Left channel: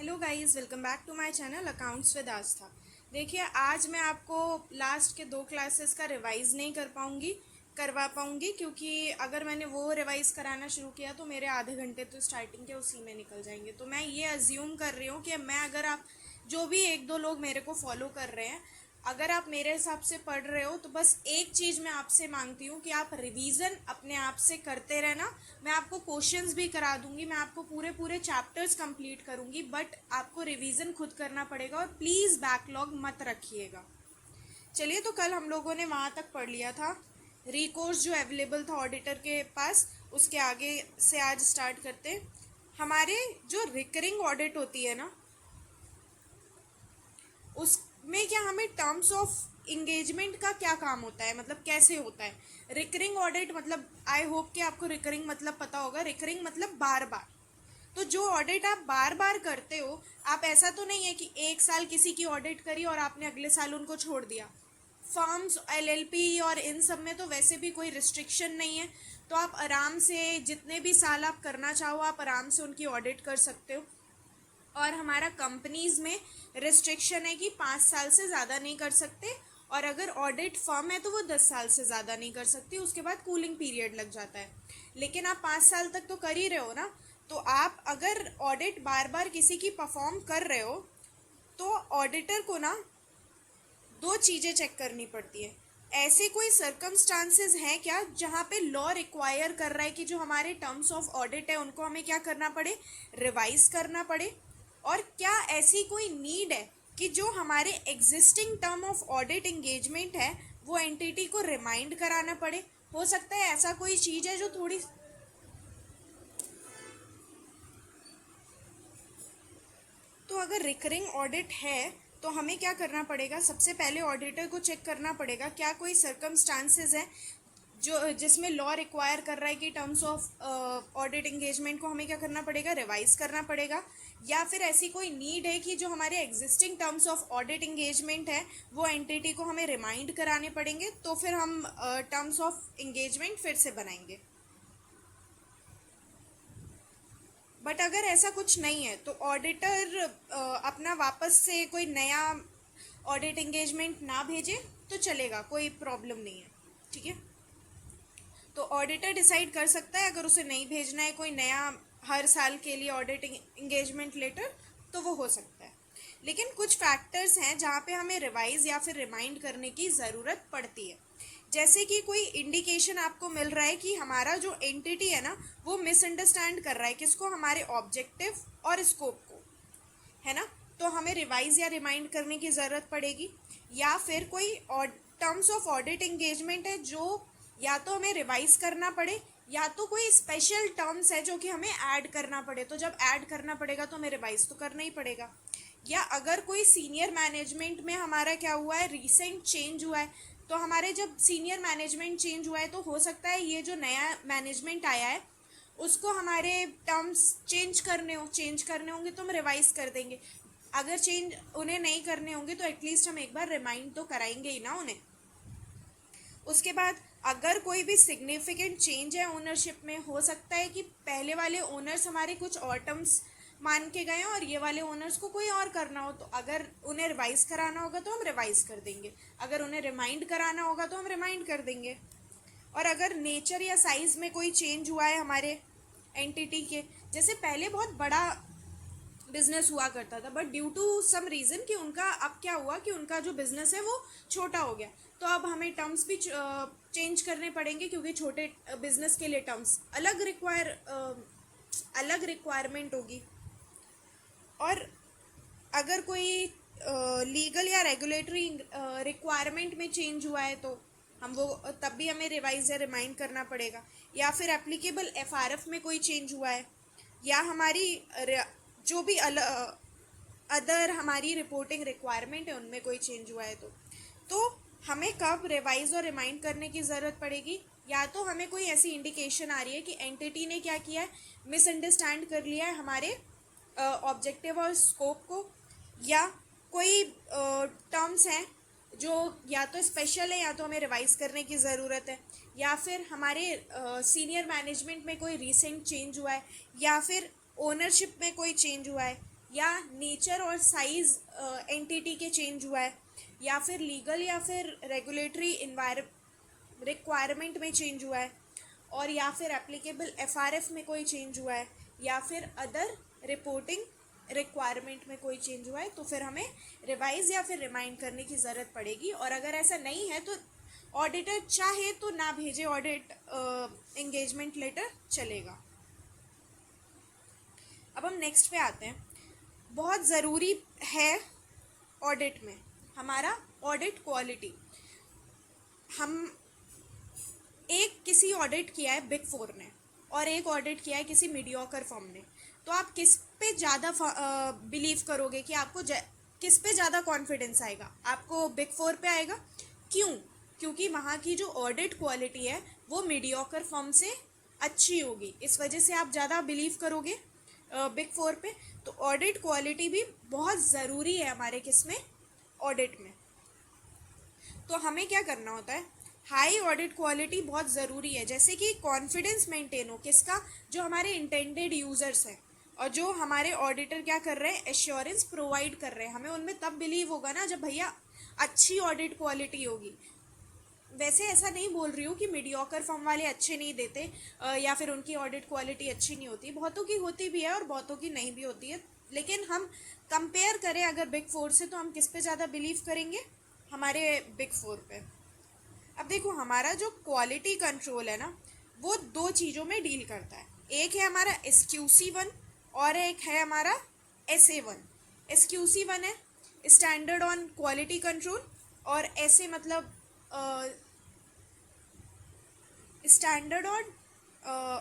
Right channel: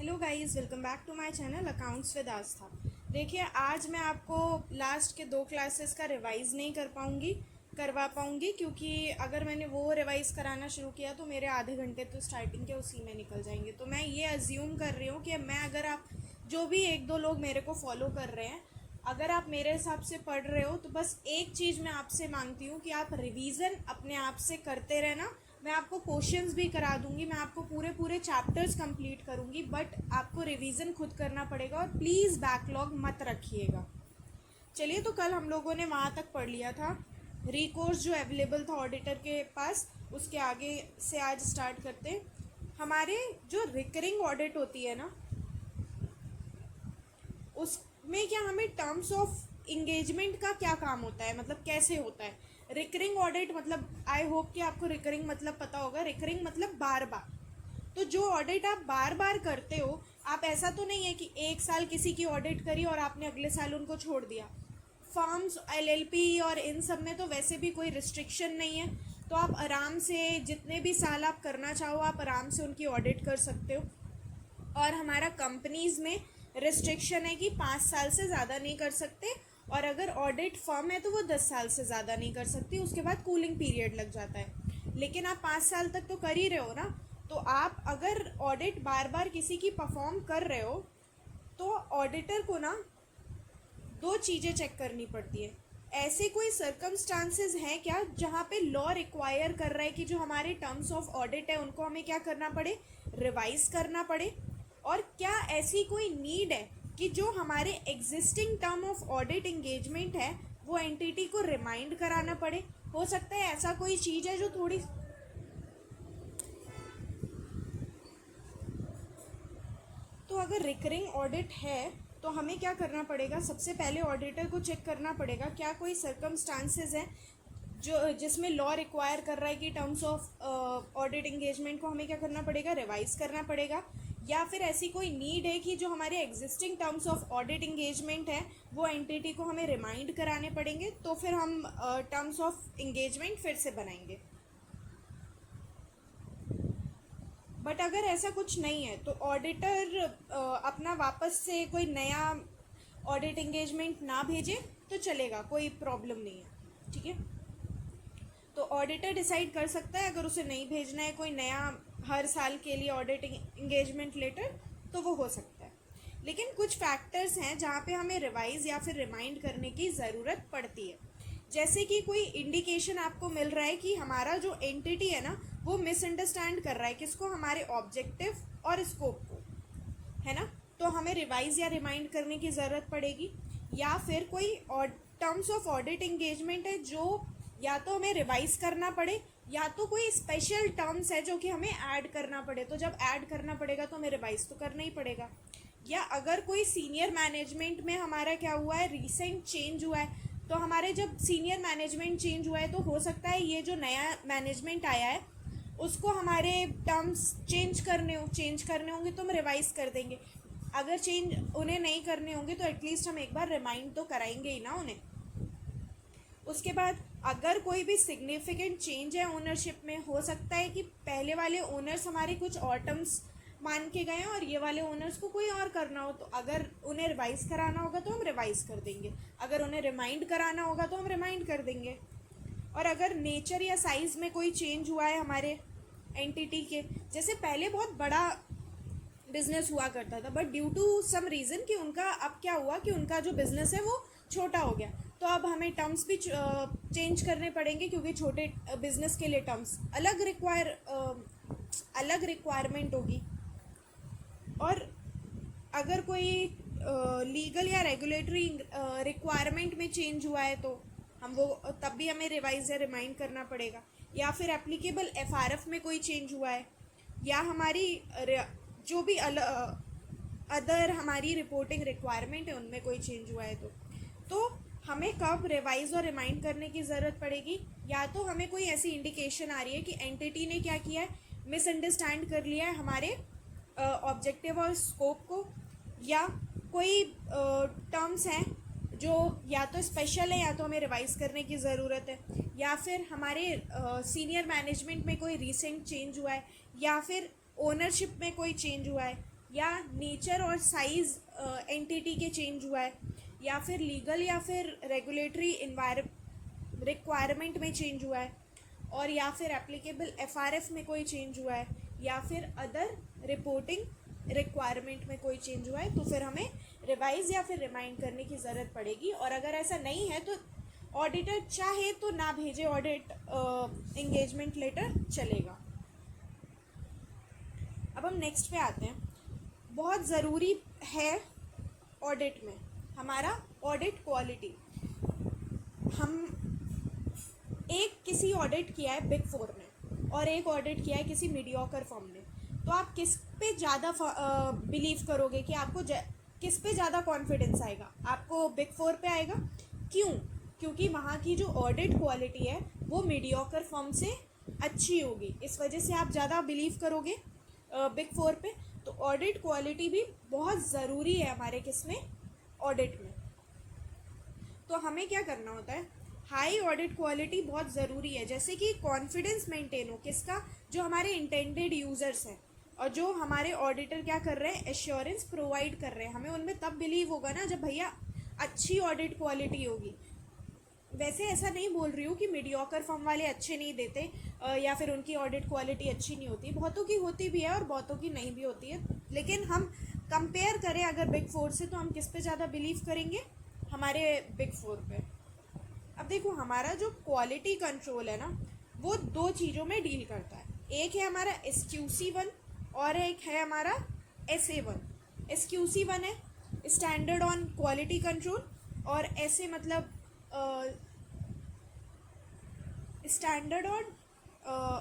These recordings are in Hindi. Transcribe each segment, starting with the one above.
Hello guys, welcome back to my channel accounts with Aastha. देखिए, आज मैं आपको लास्ट के 2 क्लासेस का रिवाइज़ नहीं करवा पाऊँगी क्योंकि अगर मैंने वो रिवाइज़ कराना शुरू किया तो मेरे आधे घंटे तो स्टार्टिंग के उसी में निकल जाएंगे। तो मैं ये अज्यूम कर रही हूँ कि मैं अगर आप जो भी 1-2 लोग मेरे को फॉलो कर रहे हैं, अगर आप मेरे हिसाब से पढ़ रहे हो तो बस एक चीज़ मैं आपसे मांगती हूँ कि आप रिवीजन अपने आप से करते रहना। मैं आपको क्वेश्चंस भी करा दूंगी, मैं आपको पूरे पूरे चैप्टर्स कंप्लीट करूंगी, बट आपको रिवीजन खुद करना पड़ेगा और प्लीज़ बैकलॉग मत रखिएगा। चलिए, तो कल हम लोगों ने वहाँ तक पढ़ लिया था, रिकोर्स जो अवेलेबल था ऑडिटर के पास। उसके आगे से आज स्टार्ट करते हैं। हमारे जो रिकरिंग ऑडिट होती है ना, उसमें क्या हमें टर्म्स ऑफ इंगेजमेंट का क्या काम होता है, मतलब कैसे होता है रिकरिंग ऑडिट। मतलब आई होप कि आपको रिकरिंग मतलब पता होगा। रिकरिंग मतलब बार बार। तो जो ऑडिट आप बार बार करते हो, आप ऐसा तो नहीं है कि एक साल किसी की ऑडिट करी और आपने अगले साल उनको छोड़ दिया। फर्म्स, एलएलपी और इन सब में तो वैसे भी कोई रिस्ट्रिक्शन नहीं है, तो आप आराम से जितने भी साल आप करना चाहो आप आराम से उनकी ऑडिट कर सकते हो। और हमारा कंपनीज़ में रिस्ट्रिक्शन है कि 5 साल से ज़्यादा नहीं कर सकते, और अगर ऑडिट फर्म है तो वो 10 साल से ज़्यादा नहीं कर सकती, उसके बाद कूलिंग पीरियड लग जाता है। लेकिन आप 5 साल तक तो कर ही रहे हो ना। तो आप अगर ऑडिट बार बार किसी की परफॉर्म कर रहे हो तो ऑडिटर को ना 2 चीज़ें चेक करनी पड़ती है। ऐसे कोई सर्कमस्टांसेस हैं क्या जहाँ पे लॉ रिक्वायर कर रहा है कि जो हमारे टर्म्स ऑफ ऑडिट है उनको हमें क्या करना पड़े, रिवाइज करना पड़े। और क्या ऐसी कोई नीड है कि जो हमारे existing term of audit engagement है वो एंटिटी को रिमाइंड कराना पड़े। हो सकता है ऐसा कोई चीज़ है जो थोड़ी, तो अगर रिकरिंग ऑडिट है तो हमें क्या करना पड़ेगा, सबसे पहले ऑडिटर को चेक करना पड़ेगा क्या कोई सर्कमस्टांसेस हैं जो जिसमें लॉ रिक्वायर कर रहा है कि टर्म्स ऑफ ऑडिट इंगेजमेंट को हमें क्या करना पड़ेगा, रिवाइज करना पड़ेगा। या फिर ऐसी कोई नीड है कि जो हमारे existing terms of audit engagement है वो एंटिटी को हमें रिमाइंड कराने पड़ेंगे, तो फिर हम टर्म्स ऑफ इंगेजमेंट फिर से बनाएंगे। बट अगर ऐसा कुछ नहीं है तो ऑडिटर अपना वापस से कोई नया ऑडिट इंगेजमेंट ना भेजे तो चलेगा, कोई प्रॉब्लम नहीं है। ठीक है, तो ऑडिटर डिसाइड कर सकता है अगर उसे नहीं भेजना है कोई नया हर साल के लिए ऑडिट इंगेजमेंट लेटर तो वो हो सकता है। लेकिन कुछ फैक्टर्स हैं जहाँ पे हमें रिवाइज या फिर रिमाइंड करने की ज़रूरत पड़ती है। जैसे कि कोई इंडिकेशन आपको मिल रहा है कि हमारा जो एंटिटी है ना वो मिसअंडरस्टैंड कर रहा है किसको, हमारे ऑब्जेक्टिव और स्कोप को, है ना। तो हमें रिवाइज या रिमाइंड करने की ज़रूरत पड़ेगी। या फिर कोई टर्म्स ऑफ ऑडिट इंगेजमेंट है जो या तो हमें रिवाइज करना पड़े या तो कोई स्पेशल टर्म्स है जो कि हमें ऐड करना पड़े। तो जब ऐड करना पड़ेगा तो हमें रिवाइज तो करना ही पड़ेगा। या अगर कोई सीनियर मैनेजमेंट में हमारा क्या हुआ है, रिसेंट चेंज हुआ है, तो हमारे जब सीनियर मैनेजमेंट चेंज हुआ है तो हो सकता है ये जो नया मैनेजमेंट आया है उसको हमारे टर्म्स चेंज करने होंगे तो हम रिवाइज कर देंगे। अगर चेंज उन्हें नहीं करने होंगे तो एटलीस्ट हम एक बार रिमाइंड तो कराएंगे ही ना उन्हें। उसके बाद अगर कोई भी सिग्निफिकेंट चेंज है ओनरशिप में, हो सकता है कि पहले वाले ओनर्स हमारे कुछ और टर्म्स मान के गए और ये वाले ओनर्स को कोई और करना हो, तो अगर उन्हें रिवाइज कराना होगा तो हम रिवाइज कर देंगे, अगर उन्हें रिमाइंड कराना होगा तो हम रिमाइंड कर देंगे। और अगर नेचर या साइज़ में कोई चेंज हुआ है हमारे एंटिटी के, जैसे पहले बहुत बड़ा बिजनेस हुआ करता था but due to some reason कि उनका अब क्या हुआ कि उनका जो बिज़नेस है वो छोटा हो गया, तो अब हमें टर्म्स भी चेंज करने पड़ेंगे क्योंकि छोटे बिजनेस के लिए टर्म्स अलग रिक्वायरमेंट होगी। और अगर कोई लीगल या रेगुलेटरी रिक्वायरमेंट में चेंज हुआ है तो हम वो तब भी हमें रिवाइज या रिमाइंड करना पड़ेगा। या फिर एप्लीकेबल एफआरएफ में कोई चेंज हुआ है, या हमारी जो भी अदर हमारी रिपोर्टिंग रिक्वायरमेंट है उनमें कोई चेंज हुआ है तो हमें कब रिवाइज और रिमाइंड करने की ज़रूरत पड़ेगी, या तो हमें कोई ऐसी इंडिकेशन आ रही है कि एंटिटी ने क्या किया है, मिसअंडरस्टैंड कर लिया है हमारे ऑब्जेक्टिव और स्कोप को, या कोई टर्म्स हैं जो या तो स्पेशल है या तो हमें रिवाइज करने की ज़रूरत है, या फिर हमारे सीनियर मैनेजमेंट में कोई रिसेंट चेंज हुआ है, या फिर ओनरशिप में कोई चेंज हुआ है, या नेचर और साइज एंटिटी के चेंज हुआ है, या फिर लीगल या फिर रेगुलेटरी रिक्वायरमेंट में चेंज हुआ है, और या फिर एप्लीकेबल एफआरएफ में कोई चेंज हुआ है, या फिर अदर रिपोर्टिंग रिक्वायरमेंट में कोई चेंज हुआ है, तो फिर हमें रिवाइज या फिर रिमाइंड करने की ज़रूरत पड़ेगी। और अगर ऐसा नहीं है तो ऑडिटर चाहे तो ना भेजे ऑडिट एंगेजमेंट लेटर, चलेगा। अब हम नेक्स्ट पे आते हैं। बहुत ज़रूरी है ऑडिट में हमारा ऑडिट क्वालिटी। हम एक किसी ऑडिट किया है बिग फोर ने और एक ऑडिट किया है किसी मीडियोकर फर्म ने, तो आप किस पे ज़्यादा बिलीव करोगे कि आपको किस पे ज़्यादा कॉन्फिडेंस आएगा? आपको बिग फोर पे आएगा। क्यों? क्योंकि वहाँ की जो ऑडिट क्वालिटी है वो मीडियोकर फर्म से अच्छी होगी, इस वजह से आप ज़्यादा बिलीव करोगे बिग फोर पे। तो ऑडिट क्वालिटी भी बहुत ज़रूरी है हमारे किस में, ऑडिट में। तो हमें क्या करना होता है, हाई ऑडिट क्वालिटी बहुत ज़रूरी है, जैसे कि कॉन्फिडेंस मेंटेन हो किसका, जो हमारे इंटेंडेड यूज़र्स हैं और जो हमारे ऑडिटर क्या कर रहे हैं, एश्योरेंस प्रोवाइड कर रहे हैं, हमें उनमें तब बिलीव होगा ना जब भैया अच्छी ऑडिट क्वालिटी होगी। वैसे ऐसा नहीं बोल रही हूँ कि मीडियोकर फर्म वाले अच्छे नहीं देते या फिर उनकी ऑडिट क्वालिटी अच्छी नहीं होती, बहुतों की होती भी है और बहुतों की नहीं भी होती है, लेकिन हम कंपेयर करें अगर बिग फोर से तो हम किस पे ज़्यादा बिलीव करेंगे, हमारे बिग फोर पे। अब देखो हमारा जो क्वालिटी कंट्रोल है ना वो दो चीज़ों में डील करता है, एक है हमारा SQC1 और एक है हमारा SA1। SQC1 है स्टैंडर्ड ऑन क्वालिटी कंट्रोल और SA मतलब स्टैंडर्ड ऑन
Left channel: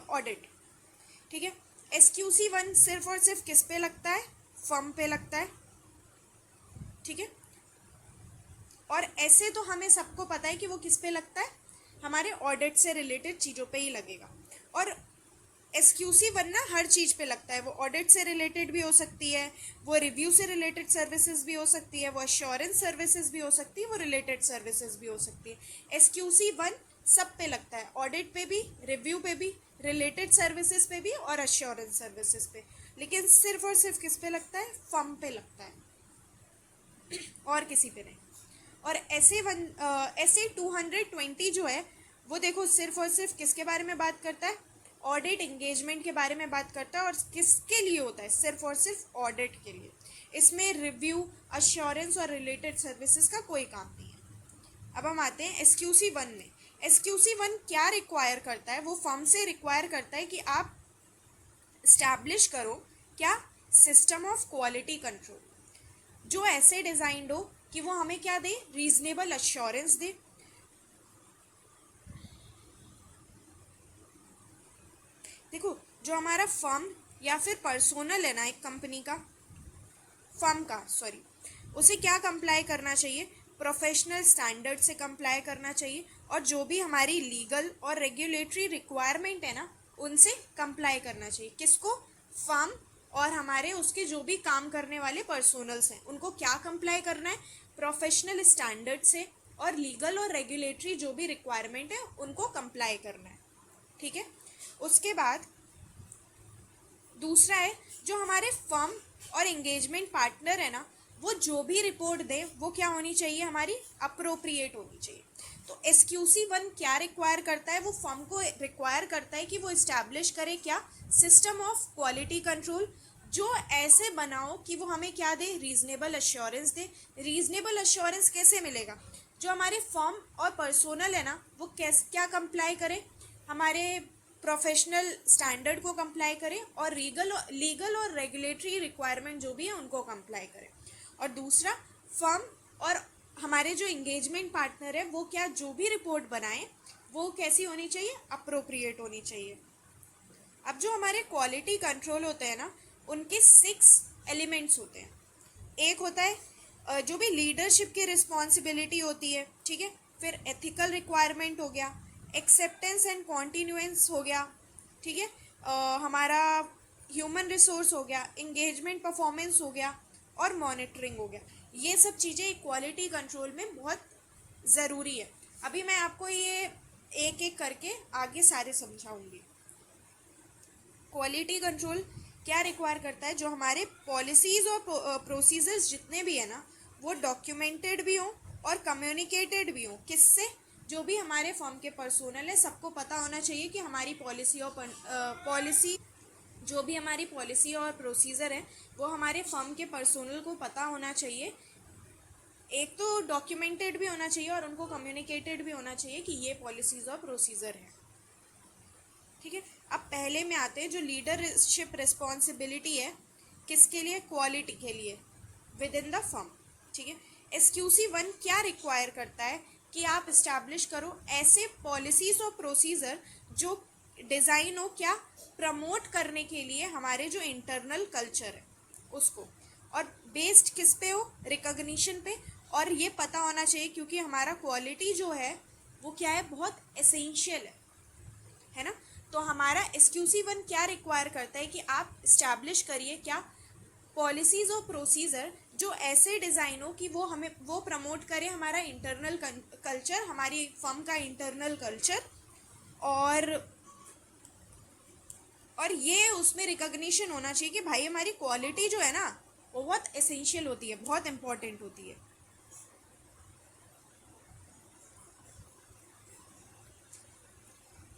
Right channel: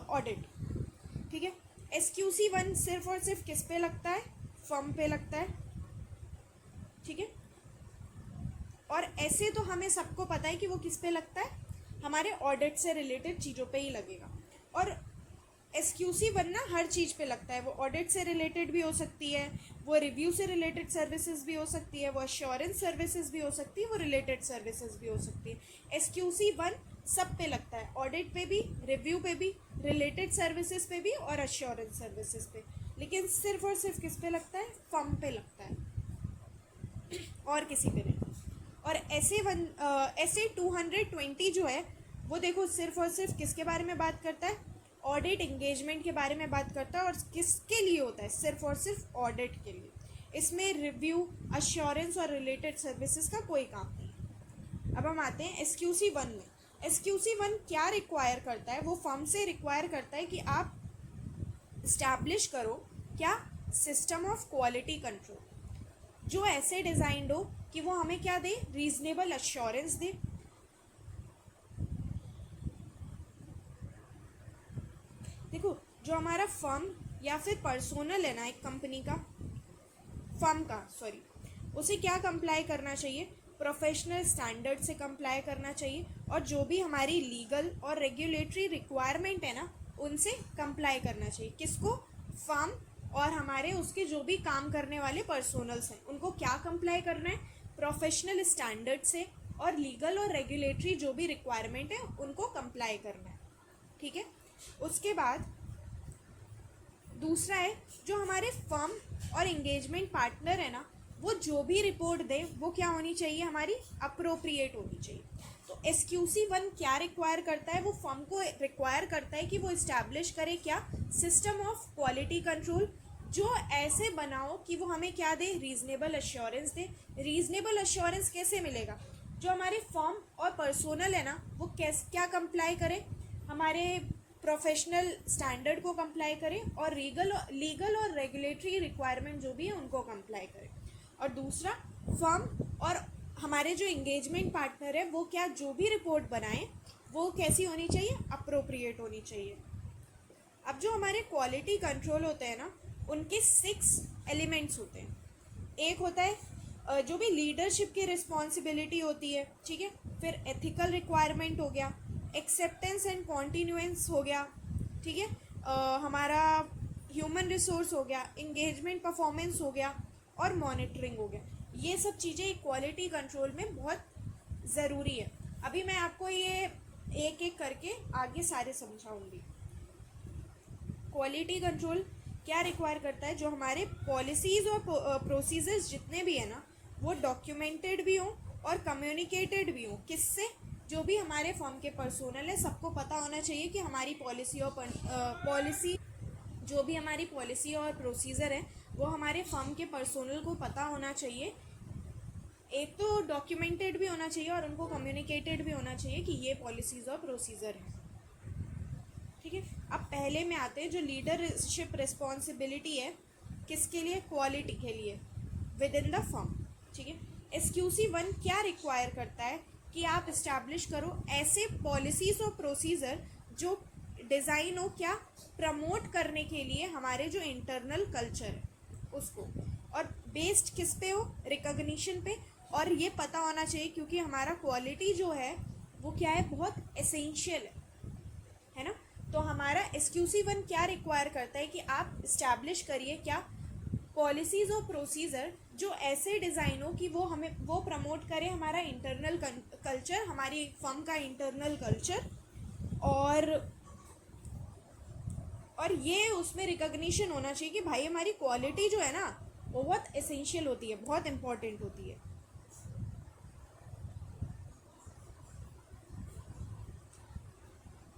ऑडिट, ठीक है। SQC1 सिर्फ और सिर्फ किस पे लगता है, फर्म पे लगता है, ठीक है। और ऐसे तो हमें सबको पता है कि वो किस पे लगता है, हमारे ऑडिट से रिलेटेड चीज़ों पे ही लगेगा। और SQC1 ना हर चीज़ पे लगता है, वो ऑडिट से रिलेटेड भी हो सकती है, वो रिव्यू से रिलेटेड सर्विसेज भी हो सकती है, वो अश्योरेंस सर्विसेज भी हो सकती है, वो रिलेटेड सर्विसेज भी हो सकती है। SQC1 सब पे लगता है, ऑडिट पे भी, रिव्यू पे भी, रिलेटेड सर्विसेज पे भी और अश्योरेंस सर्विसेज पे। लेकिन सिर्फ और सिर्फ किस पे लगता है, फर्म पे लगता है और किसी पे नहीं। और SA 220 जो है वो देखो सिर्फ और सिर्फ किसके बारे में बात करता है, ऑडिट एंगेजमेंट के बारे में बात करता है, और किसके लिए होता है, सिर्फ और सिर्फ ऑडिट के लिए। इसमें रिव्यू, अश्योरेंस और रिलेटेड सर्विसेज का कोई काम नहीं है। अब हम आते हैं SQC1 में। SQC1 क्या रिक्वायर करता है, वो फर्म से रिक्वायर करता है कि आप इस्टेब्लिश करो क्या, सिस्टम ऑफ क्वालिटी कंट्रोल, जो ऐसे डिज़ाइंड हो कि वो हमें क्या दे, रीजनेबल अश्योरेंस दे। देखो जो हमारा फर्म या फिर पर्सोनल है ना एक कंपनी का, फर्म का सॉरी, उसे क्या कंप्लाई करना चाहिए, प्रोफेशनल स्टैंडर्ड से कंप्लाई करना चाहिए, और जो भी हमारी लीगल और रेगुलेटरी रिक्वायरमेंट है ना उनसे कंप्लाई करना चाहिए। किसको, फर्म और हमारे उसके जो भी काम करने वाले पर्सोनल्स हैं उनको क्या कंप्लाई करना है, प्रोफेशनल स्टैंडर्ड से, और लीगल और रेगुलेटरी जो भी रिक्वायरमेंट है उनको कंप्लाई करना है, ठीक है। उसके बाद दूसरा है जो हमारे फर्म और एंगेजमेंट पार्टनर है ना, वो जो भी रिपोर्ट दे वो क्या होनी चाहिए, हमारी अप्रोप्रिएट होनी चाहिए। तो SQC1 क्या रिक्वायर करता है, वो फर्म को रिक्वायर करता है कि वो इस्टेब्लिश करे क्या, सिस्टम ऑफ क्वालिटी कंट्रोल, जो ऐसे बनाओ कि वो हमें क्या दे, रीजनेबल अश्योरेंस दे। रीजनेबल अश्योरेंस कैसे मिलेगा, जो हमारे फर्म और पर्सोनल है ना वो क्या कंप्लाई करे, हमारे प्रोफेशनल स्टैंडर्ड को कंप्लाई करें, और लीगल और रेगुलेटरी रिक्वायरमेंट जो भी है उनको कंप्लाई करें। और दूसरा, फर्म और हमारे जो एंगेजमेंट पार्टनर है वो क्या, जो भी रिपोर्ट बनाएं वो कैसी होनी चाहिए, अप्रोप्रिएट होनी चाहिए। अब जो हमारे क्वालिटी कंट्रोल होते हैं ना उनके 6 एलिमेंट्स होते हैं। एक होता है जो भी लीडरशिप की रिस्पॉन्सिबिलिटी होती है, ठीक है। फिर एथिकल रिक्वायरमेंट हो गया, एक्सेप्टेंस एंड कॉन्टीन्यूएंस हो गया, ठीक है। हमारा ह्यूमन रिसोर्स हो गया, इंगेजमेंट परफॉर्मेंस हो गया, और मॉनिटरिंग हो गया। ये सब चीज़ें क्वालिटी कंट्रोल में बहुत ज़रूरी है। अभी मैं आपको ये एक एक करके आगे सारे समझाऊंगी। क्वालिटी कंट्रोल क्या रिक्वायर करता है, जो हमारे पॉलिसीज़ और प्रोसीजर्स जितने भी है ना, वो डॉक्यूमेंटेड भी हों और कम्युनिकेटेड भी हों। किससे? जो भी हमारे फर्म के पर्सोनल है, सबको पता होना चाहिए कि हमारी पॉलिसी जो भी हमारी पॉलिसी और प्रोसीजर है वो हमारे फर्म के पर्सोनल को पता होना चाहिए। एक तो डॉक्यूमेंटेड भी होना चाहिए और उनको कम्युनिकेटेड भी होना चाहिए कि ये पॉलिसीज़ और प्रोसीजर है। ठीक है, अब पहले में आते हैं जो लीडरशिप रिस्पॉन्सिबिलिटी है, किसके लिए? क्वालिटी के लिए विद इन द फर्म। ठीक है, SQC1 क्या रिक्वायर करता है कि आप इस्टेब्लिश करो ऐसे पॉलिसीज़ और प्रोसीजर जो डिज़ाइन हो क्या, प्रमोट करने के लिए हमारे जो इंटरनल कल्चर है उसको, और बेस्ड किस पे हो? रिकॉग्निशन पे। और ये पता होना चाहिए क्योंकि हमारा क्वालिटी जो है वो क्या है, बहुत एसेंशियल है ना। तो हमारा SQC1 क्या रिक्वायर करता है कि आप इस्टेब्लिश करिए क्या, पॉलिसीज़ और प्रोसीजर जो ऐसे डिज़ाइन हो कि वो हमें वो प्रमोट करे हमारा इंटरनल कल्चर, हमारी फर्म का इंटरनल कल्चर, और ये उसमें रिकॉग्निशन होना चाहिए कि भाई हमारी क्वालिटी जो है ना वो बहुत एसेंशियल होती है, बहुत इम्पॉर्टेंट होती है।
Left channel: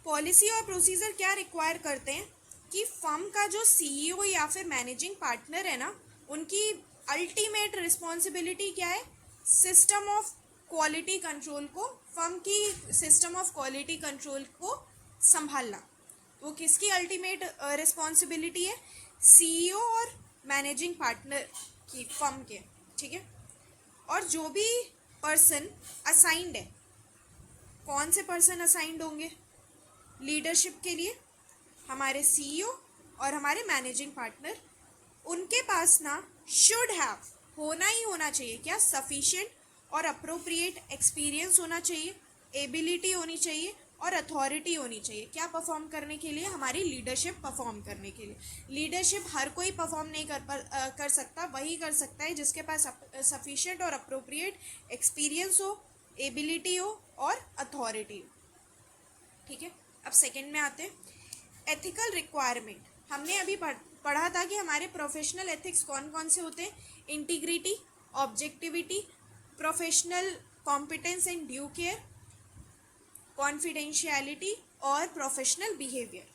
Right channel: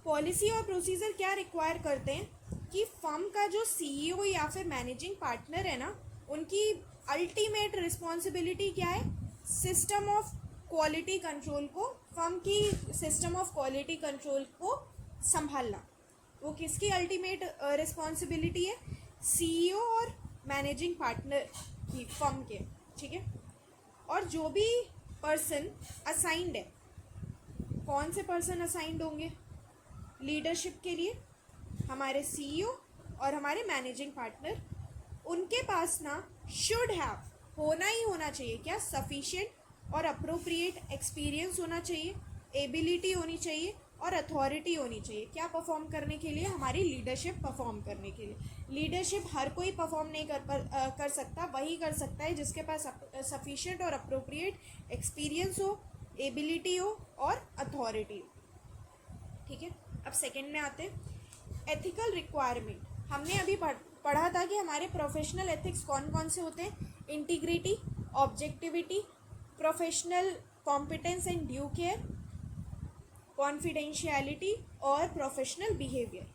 पॉलिसी और प्रोसीजर क्या रिक्वायर करते हैं कि फर्म का जो CEO या फिर मैनेजिंग पार्टनर है ना, उनकी अल्टीमेट रिस्पॉन्सिबिलिटी क्या है? सिस्टम ऑफ क्वालिटी कंट्रोल को, फर्म की सिस्टम ऑफ क्वालिटी कंट्रोल को संभालना। वो किसकी अल्टीमेट रिस्पॉन्सिबिलिटी है? CEO और मैनेजिंग पार्टनर की, फर्म के। ठीक है, और जो भी पर्सन असाइंड है, कौन से पर्सन असाइंड होंगे लीडरशिप के लिए? हमारे CEO और हमारे मैनेजिंग पार्टनर। उनके पास ना शुड हैव, होना ही होना चाहिए क्या, सफिशिएंट और अप्रोप्रिएट एक्सपीरियंस होना चाहिए, एबिलिटी होनी चाहिए और अथॉरिटी होनी चाहिए। क्या परफॉर्म करने के लिए? हमारी लीडरशिप परफॉर्म करने के लिए। लीडरशिप हर कोई परफॉर्म नहीं कर सकता, वही कर सकता है जिसके पास सफिशिएंट और अप्रोप्रिएट एक्सपीरियंस हो, एबिलिटी हो और अथॉरिटी हो। ठीक है, अब सेकंड में आते हैं एथिकल रिक्वायरमेंट। हमने अभी पढ़ा था कि हमारे प्रोफेशनल एथिक्स कौन कौन से होते हैं? Integrity, objectivity, professional competence and due care, confidentiality और प्रोफेशनल बिहेवियर।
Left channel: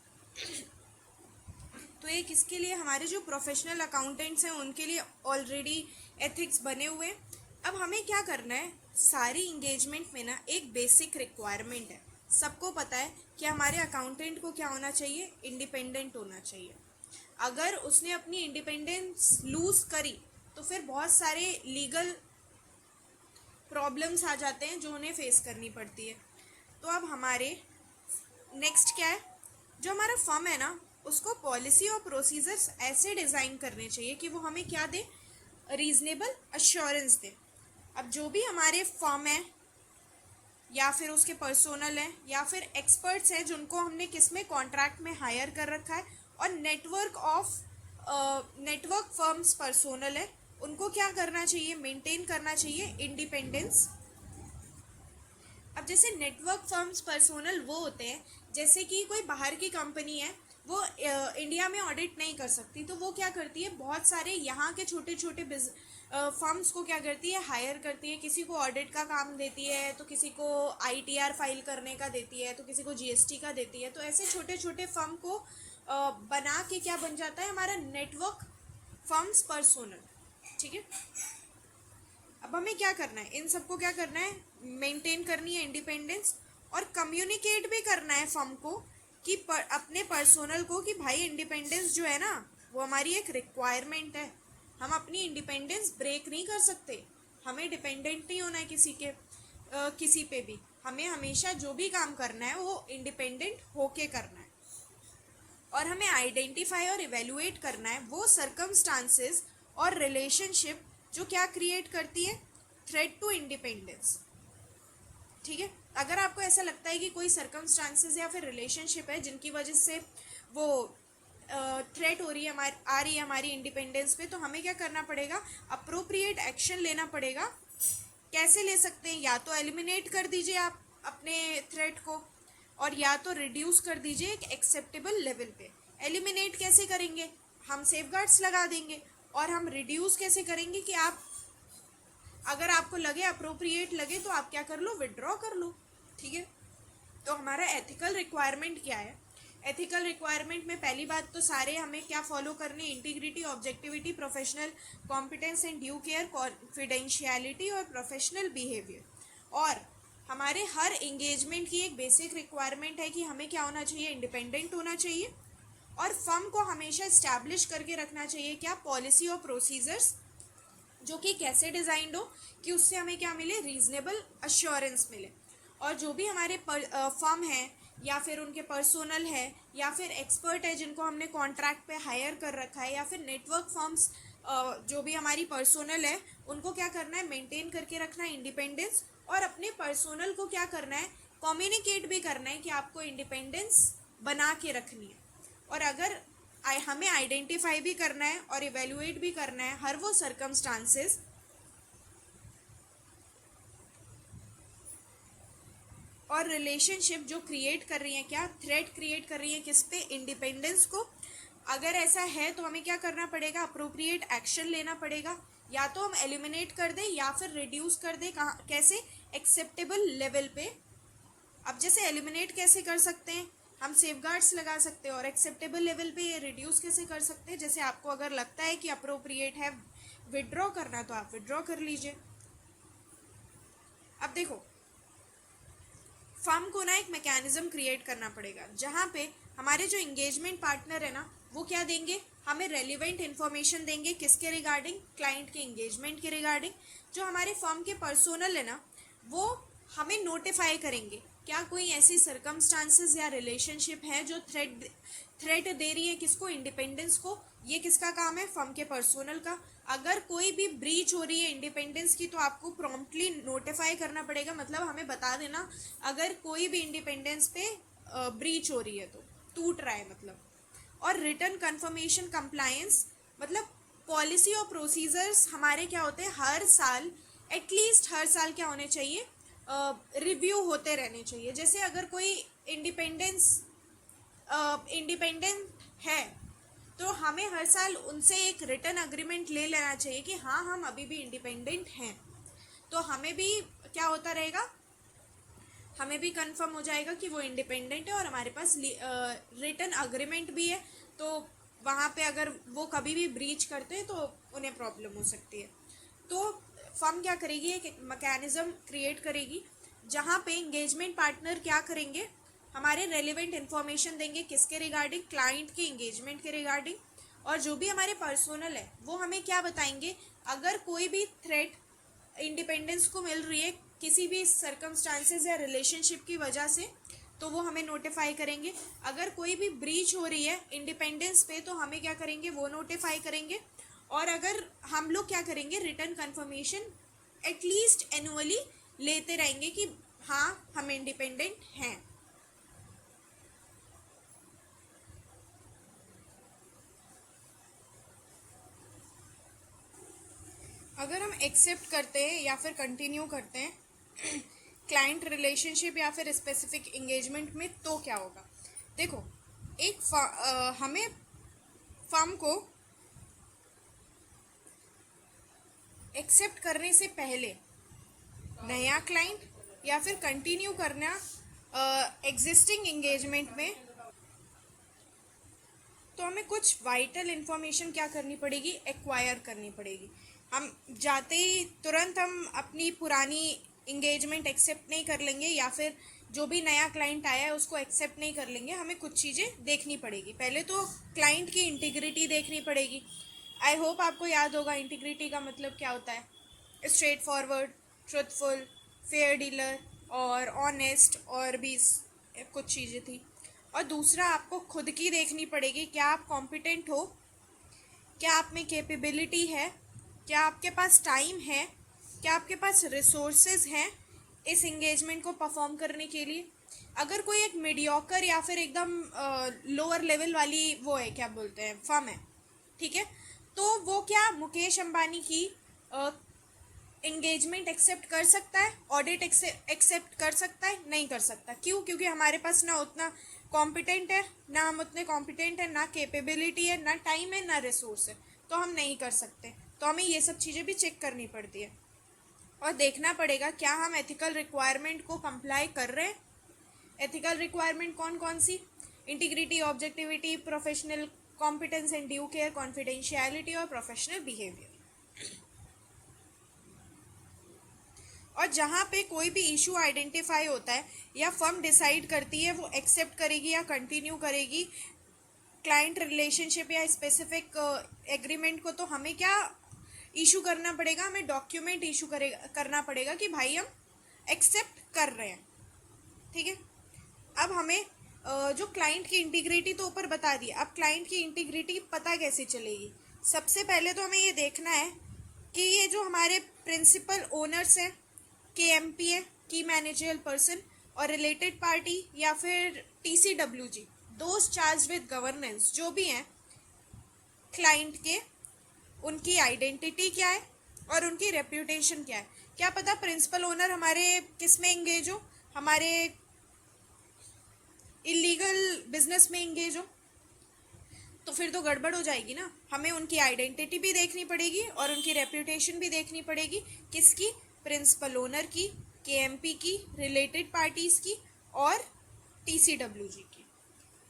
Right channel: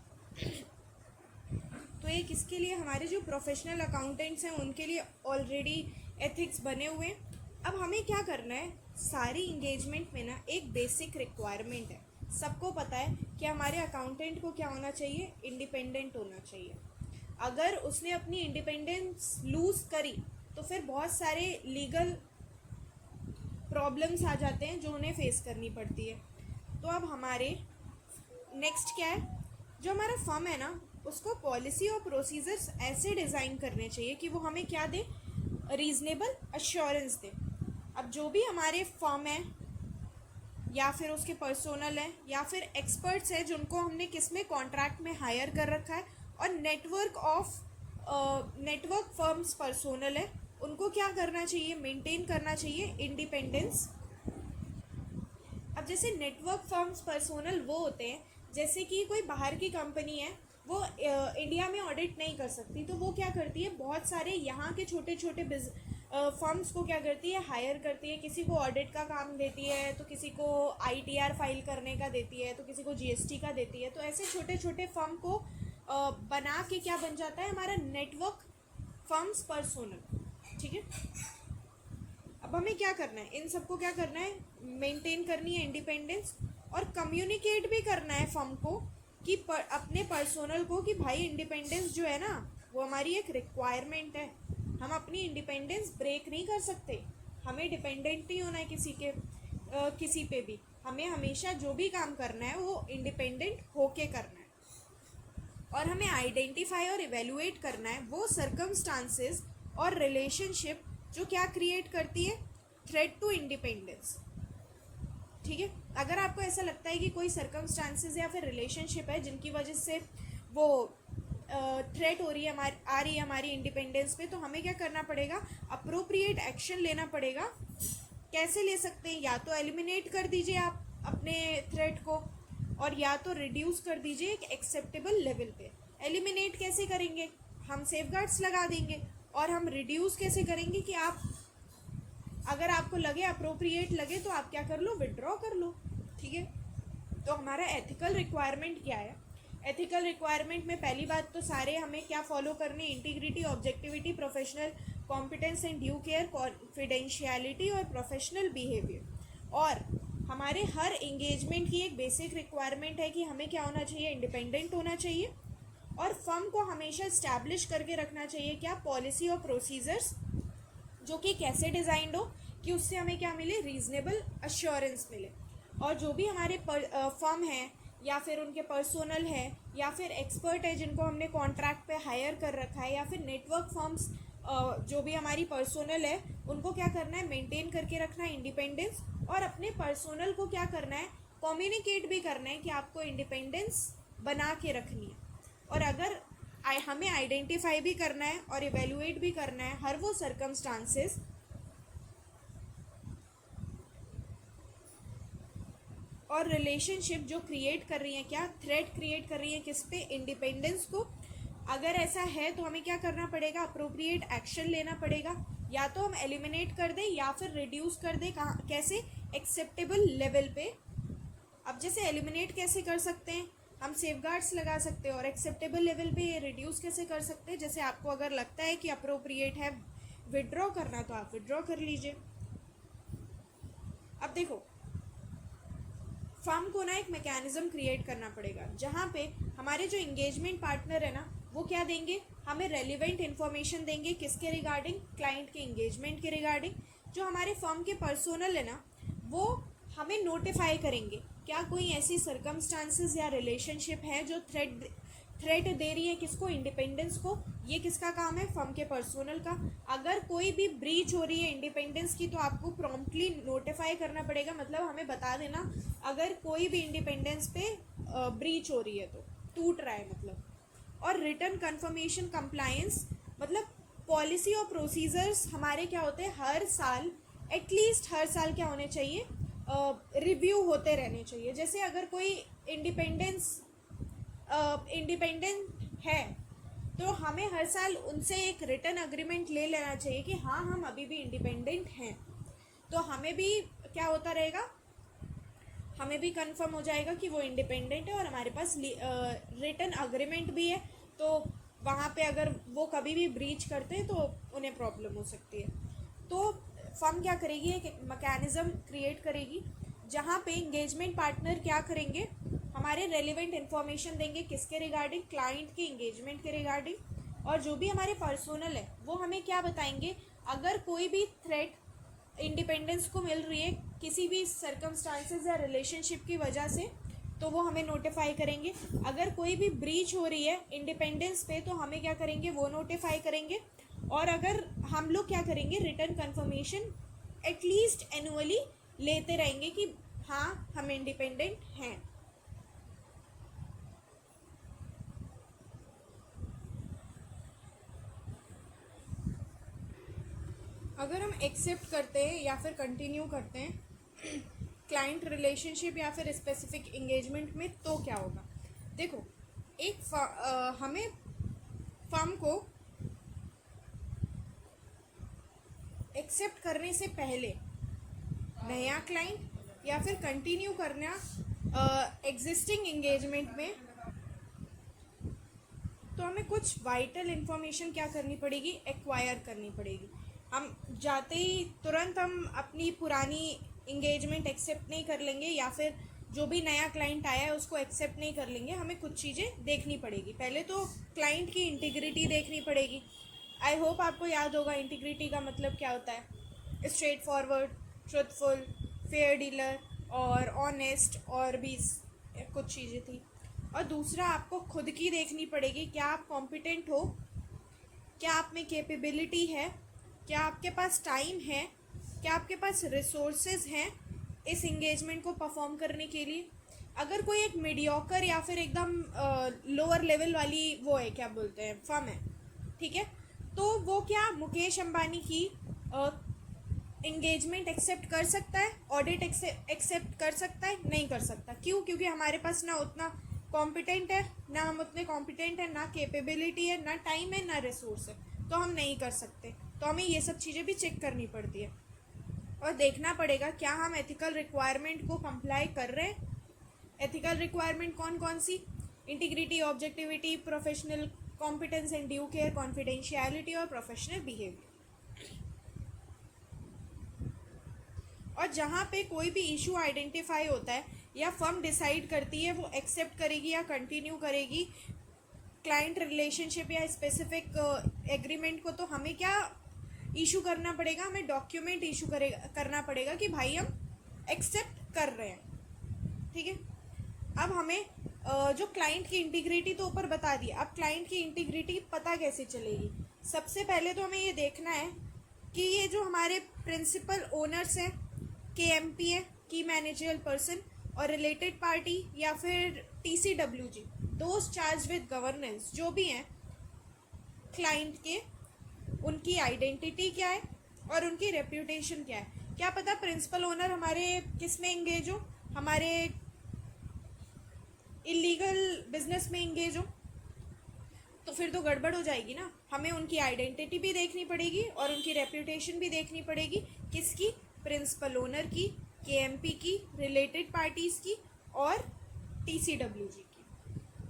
तो ये किसके लिए? हमारे जो प्रोफेशनल अकाउंटेंट्स हैं उनके लिए ऑलरेडी एथिक्स बने हुए हैं। अब हमें क्या करना है, सारी इंगेजमेंट में ना एक बेसिक रिक्वायरमेंट है, सबको पता है कि हमारे अकाउंटेंट को क्या होना चाहिए? इंडिपेंडेंट होना चाहिए। अगर उसने अपनी इंडिपेंडेंस लूज़ करी तो फिर बहुत सारे लीगल प्रॉब्लम्स आ जाते हैं जो उन्हें फेस करनी पड़ती है। तो अब हमारे नेक्स्ट क्या है, जो हमारा फर्म है ना उसको पॉलिसी और प्रोसीजर्स ऐसे डिज़ाइन करने चाहिए कि वो हमें क्या दे? रीज़नेबल अश्योरेंस दे। अब जो भी हमारे फर्म है या फिर उसके पर्सोनल है या फिर एक्सपर्ट्स हैं जिनको हमने किस में, कॉन्ट्रैक्ट में हायर कर रखा है, और नेटवर्क फर्म्स पर्सोनल है, उनको क्या करना चाहिए? मेंटेन करना चाहिए इंडिपेंडेंस। अब जैसे नेटवर्क फर्म्स पर्सोनल वो होते हैं जैसे कि कोई बाहर की कंपनी है, वो इंडिया में ऑडिट नहीं कर सकती, तो वो क्या करती है, बहुत सारे यहाँ के छोटे छोटे फर्म्स को क्या करती है, हायर करती है। किसी को ऑडिट का काम देती है, तो किसी को ITR फाइल करने का देती है, तो किसी को GST का देती है। तो ऐसे छोटे छोटे फर्म को बना के क्या बन जाता है हमारा नेटवर्क फर्म्स पर्सोनल। ठीक है, अब हमें क्या करना है, इन सबको क्या करना है, मेंटेन करनी है इंडिपेंडेंस, और कम्युनिकेट भी करना है फर्म को कि अपने पर्सोनल को कि भाई इंडिपेंडेंस जो है ना वो हमारी एक रिक्वायरमेंट है, हम अपनी इंडिपेंडेंस ब्रेक नहीं कर सकते, हमें डिपेंडेंट नहीं होना है किसी पे भी, हमें हमेशा जो भी काम करना है वो इंडिपेंडेंट होके करना है। और हमें आइडेंटिफाई और इवेलुएट करना है वो सर्कमस्टांसेस और रिलेशनशिप जो क्या क्रिएट करती है, थ्रेट टू इंडिपेंडेंस। ठीक है, अगर आपको ऐसा लगता है कि कोई सर्कमस्टांसेस या फिर रिलेशनशिप है जिनकी वजह से वो थ्रेट हो रही है आ रही है हमारी इंडिपेंडेंस पे, तो हमें क्या करना पड़ेगा, अप्रोप्रिएट एक्शन लेना पड़ेगा। कैसे ले सकते हैं, या तो एलिमिनेट कर दीजिए आप अपने थ्रेट को, और या तो रिड्यूस कर दीजिए एक एक्सेप्टेबल लेवल पे। एलिमिनेट कैसे करेंगे, हम सेफगार्ड्स लगा देंगे। और हम रिड्यूस कैसे करेंगे कि आप अगर आपको लगे अप्रोप्रिएट लगे तो आप क्या कर लो, विड्रॉ कर लो। ठीक है, तो हमारा एथिकल रिक्वायरमेंट क्या है? एथिकल रिक्वायरमेंट में पहली बात तो सारे हमें क्या फॉलो करने, integrity, objectivity, professional competence and due care, confidentiality और प्रोफेशनल बिहेवियर। और हमारे हर एंगेजमेंट की एक बेसिक रिक्वायरमेंट है कि हमें क्या होना चाहिए, इंडिपेंडेंट होना चाहिए। और फर्म को हमेशा इस्टेब्लिश करके रखना चाहिए क्या, पॉलिसी और प्रोसीजर्स, जो कि कैसे डिज़ाइंड हो कि उससे हमें क्या मिले, रीजनेबल अश्योरेंस मिले। और जो भी हमारे फर्म है या फिर उनके पर्सोनल है या फिर एक्सपर्ट है जिनको हमने कॉन्ट्रैक्ट पे हायर कर रखा है, या फिर नेटवर्क फर्म्स जो भी हमारी पर्सोनल है, उनको क्या करना है, मेंटेन करके रखना है इंडिपेंडेंस। और अपने पर्सोनल को क्या करना है, कम्युनिकेट भी करना है कि आपको इंडिपेंडेंस बना के रखनी है। और अगर हमें आइडेंटिफाई भी करना है और इवेल्युएट भी करना है हर वो सर्कमस्टांसेस और रिलेशनशिप जो क्रिएट कर रही हैं, क्या थ्रेट क्रिएट कर रही हैं किस पे, इंडिपेंडेंस को। अगर ऐसा है तो हमें क्या करना पड़ेगा, अप्रोप्रिएट एक्शन लेना पड़ेगा। या तो हम एलिमिनेट कर दें या फिर रिड्यूस कर दें, कहाँ कैसे, एक्सेप्टेबल लेवल पे। अब जैसे एलिमिनेट कैसे कर सकते हैं, हम सेफगार्ड्स लगा सकते हैं। और एक्सेप्टेबल लेवल पे रिड्यूस कैसे कर सकते हैं, जैसे आपको अगर लगता है कि अप्रोप्रिएट है विड्रॉ करना तो आप विड्रॉ कर लीजिए। अब देखो, फर्म को ना एक मैकेनिज्म क्रिएट करना पड़ेगा जहाँ पे हमारे जो इंगेजमेंट पार्टनर है ना, वो क्या देंगे, हमें रेलिवेंट इन्फॉर्मेशन देंगे किसके रिगार्डिंग, क्लाइंट के इंगेजमेंट के रिगार्डिंग। जो हमारे फर्म के पर्सोनल है ना, वो हमें नोटिफाई करेंगे क्या कोई ऐसी सर्कमस्टांसेस या रिलेशनशिप है जो थ्रेट दे रही है किसको, इंडिपेंडेंस को। ये किसका काम है, फर्म के पर्सोनल का। अगर कोई भी ब्रीच हो रही है इंडिपेंडेंस की तो आपको प्रॉम्प्टली नोटिफाई करना पड़ेगा, मतलब हमें बता देना अगर कोई भी इंडिपेंडेंस पे ब्रीच हो रही है तो, टूट रहा है मतलब। और रिटर्न कंफर्मेशन कंप्लायंस, मतलब पॉलिसी और प्रोसीजर्स हमारे क्या होते हैं, हर साल एटलीस्ट हर साल क्या होने चाहिए, रिव्यू होते रहने चाहिए। जैसे अगर कोई इंडिपेंडेंट है तो हमें हर साल उनसे एक रिटर्न अग्रीमेंट ले लेना चाहिए कि हाँ हम अभी भी इंडिपेंडेंट हैं। तो हमें भी क्या होता रहेगा, हमें भी कंफर्म हो जाएगा कि वो इंडिपेंडेंट है और हमारे पास रिटर्न अग्रीमेंट भी है। तो वहाँ पे अगर वो कभी भी ब्रीच करते हैं तो उन्हें प्रॉब्लम हो सकती है। तो फर्म क्या करेगी, एक मैकेनिज्म क्रिएट करेगी जहाँ पे इंगेजमेंट पार्टनर क्या करेंगे, हमारे रेलिवेंट इन्फॉर्मेशन देंगे किसके रिगार्डिंग, क्लाइंट की इंगेजमेंट के रिगार्डिंग। और जो भी हमारे पर्सोनल है वो हमें क्या बताएंगे, अगर कोई भी थ्रेट इंडिपेंडेंस को मिल रही है किसी भी सर्कमस्टांसेस या रिलेशनशिप की वजह से तो वो हमें नोटिफाई करेंगे। अगर कोई भी ब्रीच हो रही है इंडिपेंडेंस पे तो हमें क्या करेंगे, वो नोटिफाई करेंगे। और अगर हम लोग क्या करेंगे, रिटर्न कंफर्मेशन एटलीस्ट एनुअली लेते रहेंगे कि हाँ हम इंडिपेंडेंट हैं। अगर हम एक्सेप्ट करते हैं या फिर कंटिन्यू करते हैं क्लाइंट रिलेशनशिप या फिर स्पेसिफिक इंगेजमेंट में तो क्या होगा, देखो हमें फर्म को एक्सेप्ट करने से पहले नया क्लाइंट या फिर कंटिन्यू करना एग्जिस्टिंग एंगेजमेंट में, तो हमें कुछ वाइटल इन्फॉर्मेशन क्या करनी पड़ेगी, एक्वायर करनी पड़ेगी। हम जाते ही तुरंत हम अपनी पुरानी इंगेजमेंट एक्सेप्ट नहीं कर लेंगे या फिर जो भी नया क्लाइंट आया है उसको एक्सेप्ट नहीं कर लेंगे। हमें कुछ चीज़ें देखनी पड़ेगी। पहले तो क्लाइंट की इंटीग्रिटी देखनी पड़ेगी। आई होप आपको याद होगा इंटीग्रिटी का मतलब क्या होता है, straight forward, truthful, fair dealer और ऑनेस्ट, और भी कुछ चीज़ें थी। और दूसरा आपको खुद की देखनी पड़ेगी, क्या आप कॉम्पिटेंट हो, क्या आप में कैपेबिलिटी है, क्या आपके पास टाइम है, क्या आपके पास रिसोर्सेज हैं इस इंगेजमेंट को परफॉर्म करने के लिए। अगर कोई एक मीडियोकर या फिर एकदम लोअर लेवल वाली वो है, क्या बोलते हैं, फर्म है, ठीक है, तो वो क्या मुकेश अंबानी की इंगेजमेंट एक्सेप्ट कर सकता है, ऑडिट एक्सेप्ट कर सकता है, नहीं कर सकता। क्यों? क्योंकि हमारे पास ना उतना कॉम्पिटेंट है ना, हम उतने कॉम्पिटेंट है ना, कैपेबिलिटी है ना, टाइम है ना रिसोर्स है, तो हम नहीं कर सकते। तो हमें ये सब चीज़ें भी चेक करनी पड़ती है और देखना पड़ेगा क्या हम एथिकल रिक्वायरमेंट को कंप्लाई कर रहे हैं। एथिकल रिक्वायरमेंट कौन कौन सी? Integrity, objectivity, professional competence and due care, confidentiality और प्रोफेशनल बिहेवियर। और जहाँ पे कोई भी इशू आइडेंटिफाई होता है या फर्म डिसाइड करती है वो एक्सेप्ट करेगी या कंटिन्यू करेगी क्लाइंट रिलेशनशिप या स्पेसिफिक एग्रीमेंट को, तो हमें क्या इशू करना पड़ेगा? हमें डॉक्यूमेंट इशू करना पड़ेगा कि भाई हम एक्सेप्ट कर रहे हैं। ठीक है, अब हमें जो क्लाइंट की इंटीग्रिटी तो ऊपर बता दी, अब क्लाइंट की इंटीग्रिटी पता कैसे चलेगी? सबसे पहले तो हमें ये देखना है कि ये जो हमारे प्रिंसिपल ओनर्स हैं, KMP है, की मैनेजरियल पर्सन, और रिलेटेड पार्टी या फिर TCWG, those charge with governance, जो भी हैं क्लाइंट के, उनकी आइडेंटिटी क्या है और उनकी रेप्यूटेशन क्या है। क्या पता प्रिंसिपल ओनर हमारे किस में इंगेज हो, हमारे इलीगल बिजनेस में इंगेज हो, तो फिर तो गड़बड़ हो जाएगी ना। हमें उनकी आइडेंटिटी भी देखनी पड़ेगी और उनकी रेप्यूटेशन भी देखनी पड़ेगी। किसकी? प्रिंसिपल ओनर की, KMP की, रिलेटेड पार्टीज़ की और TCWG की।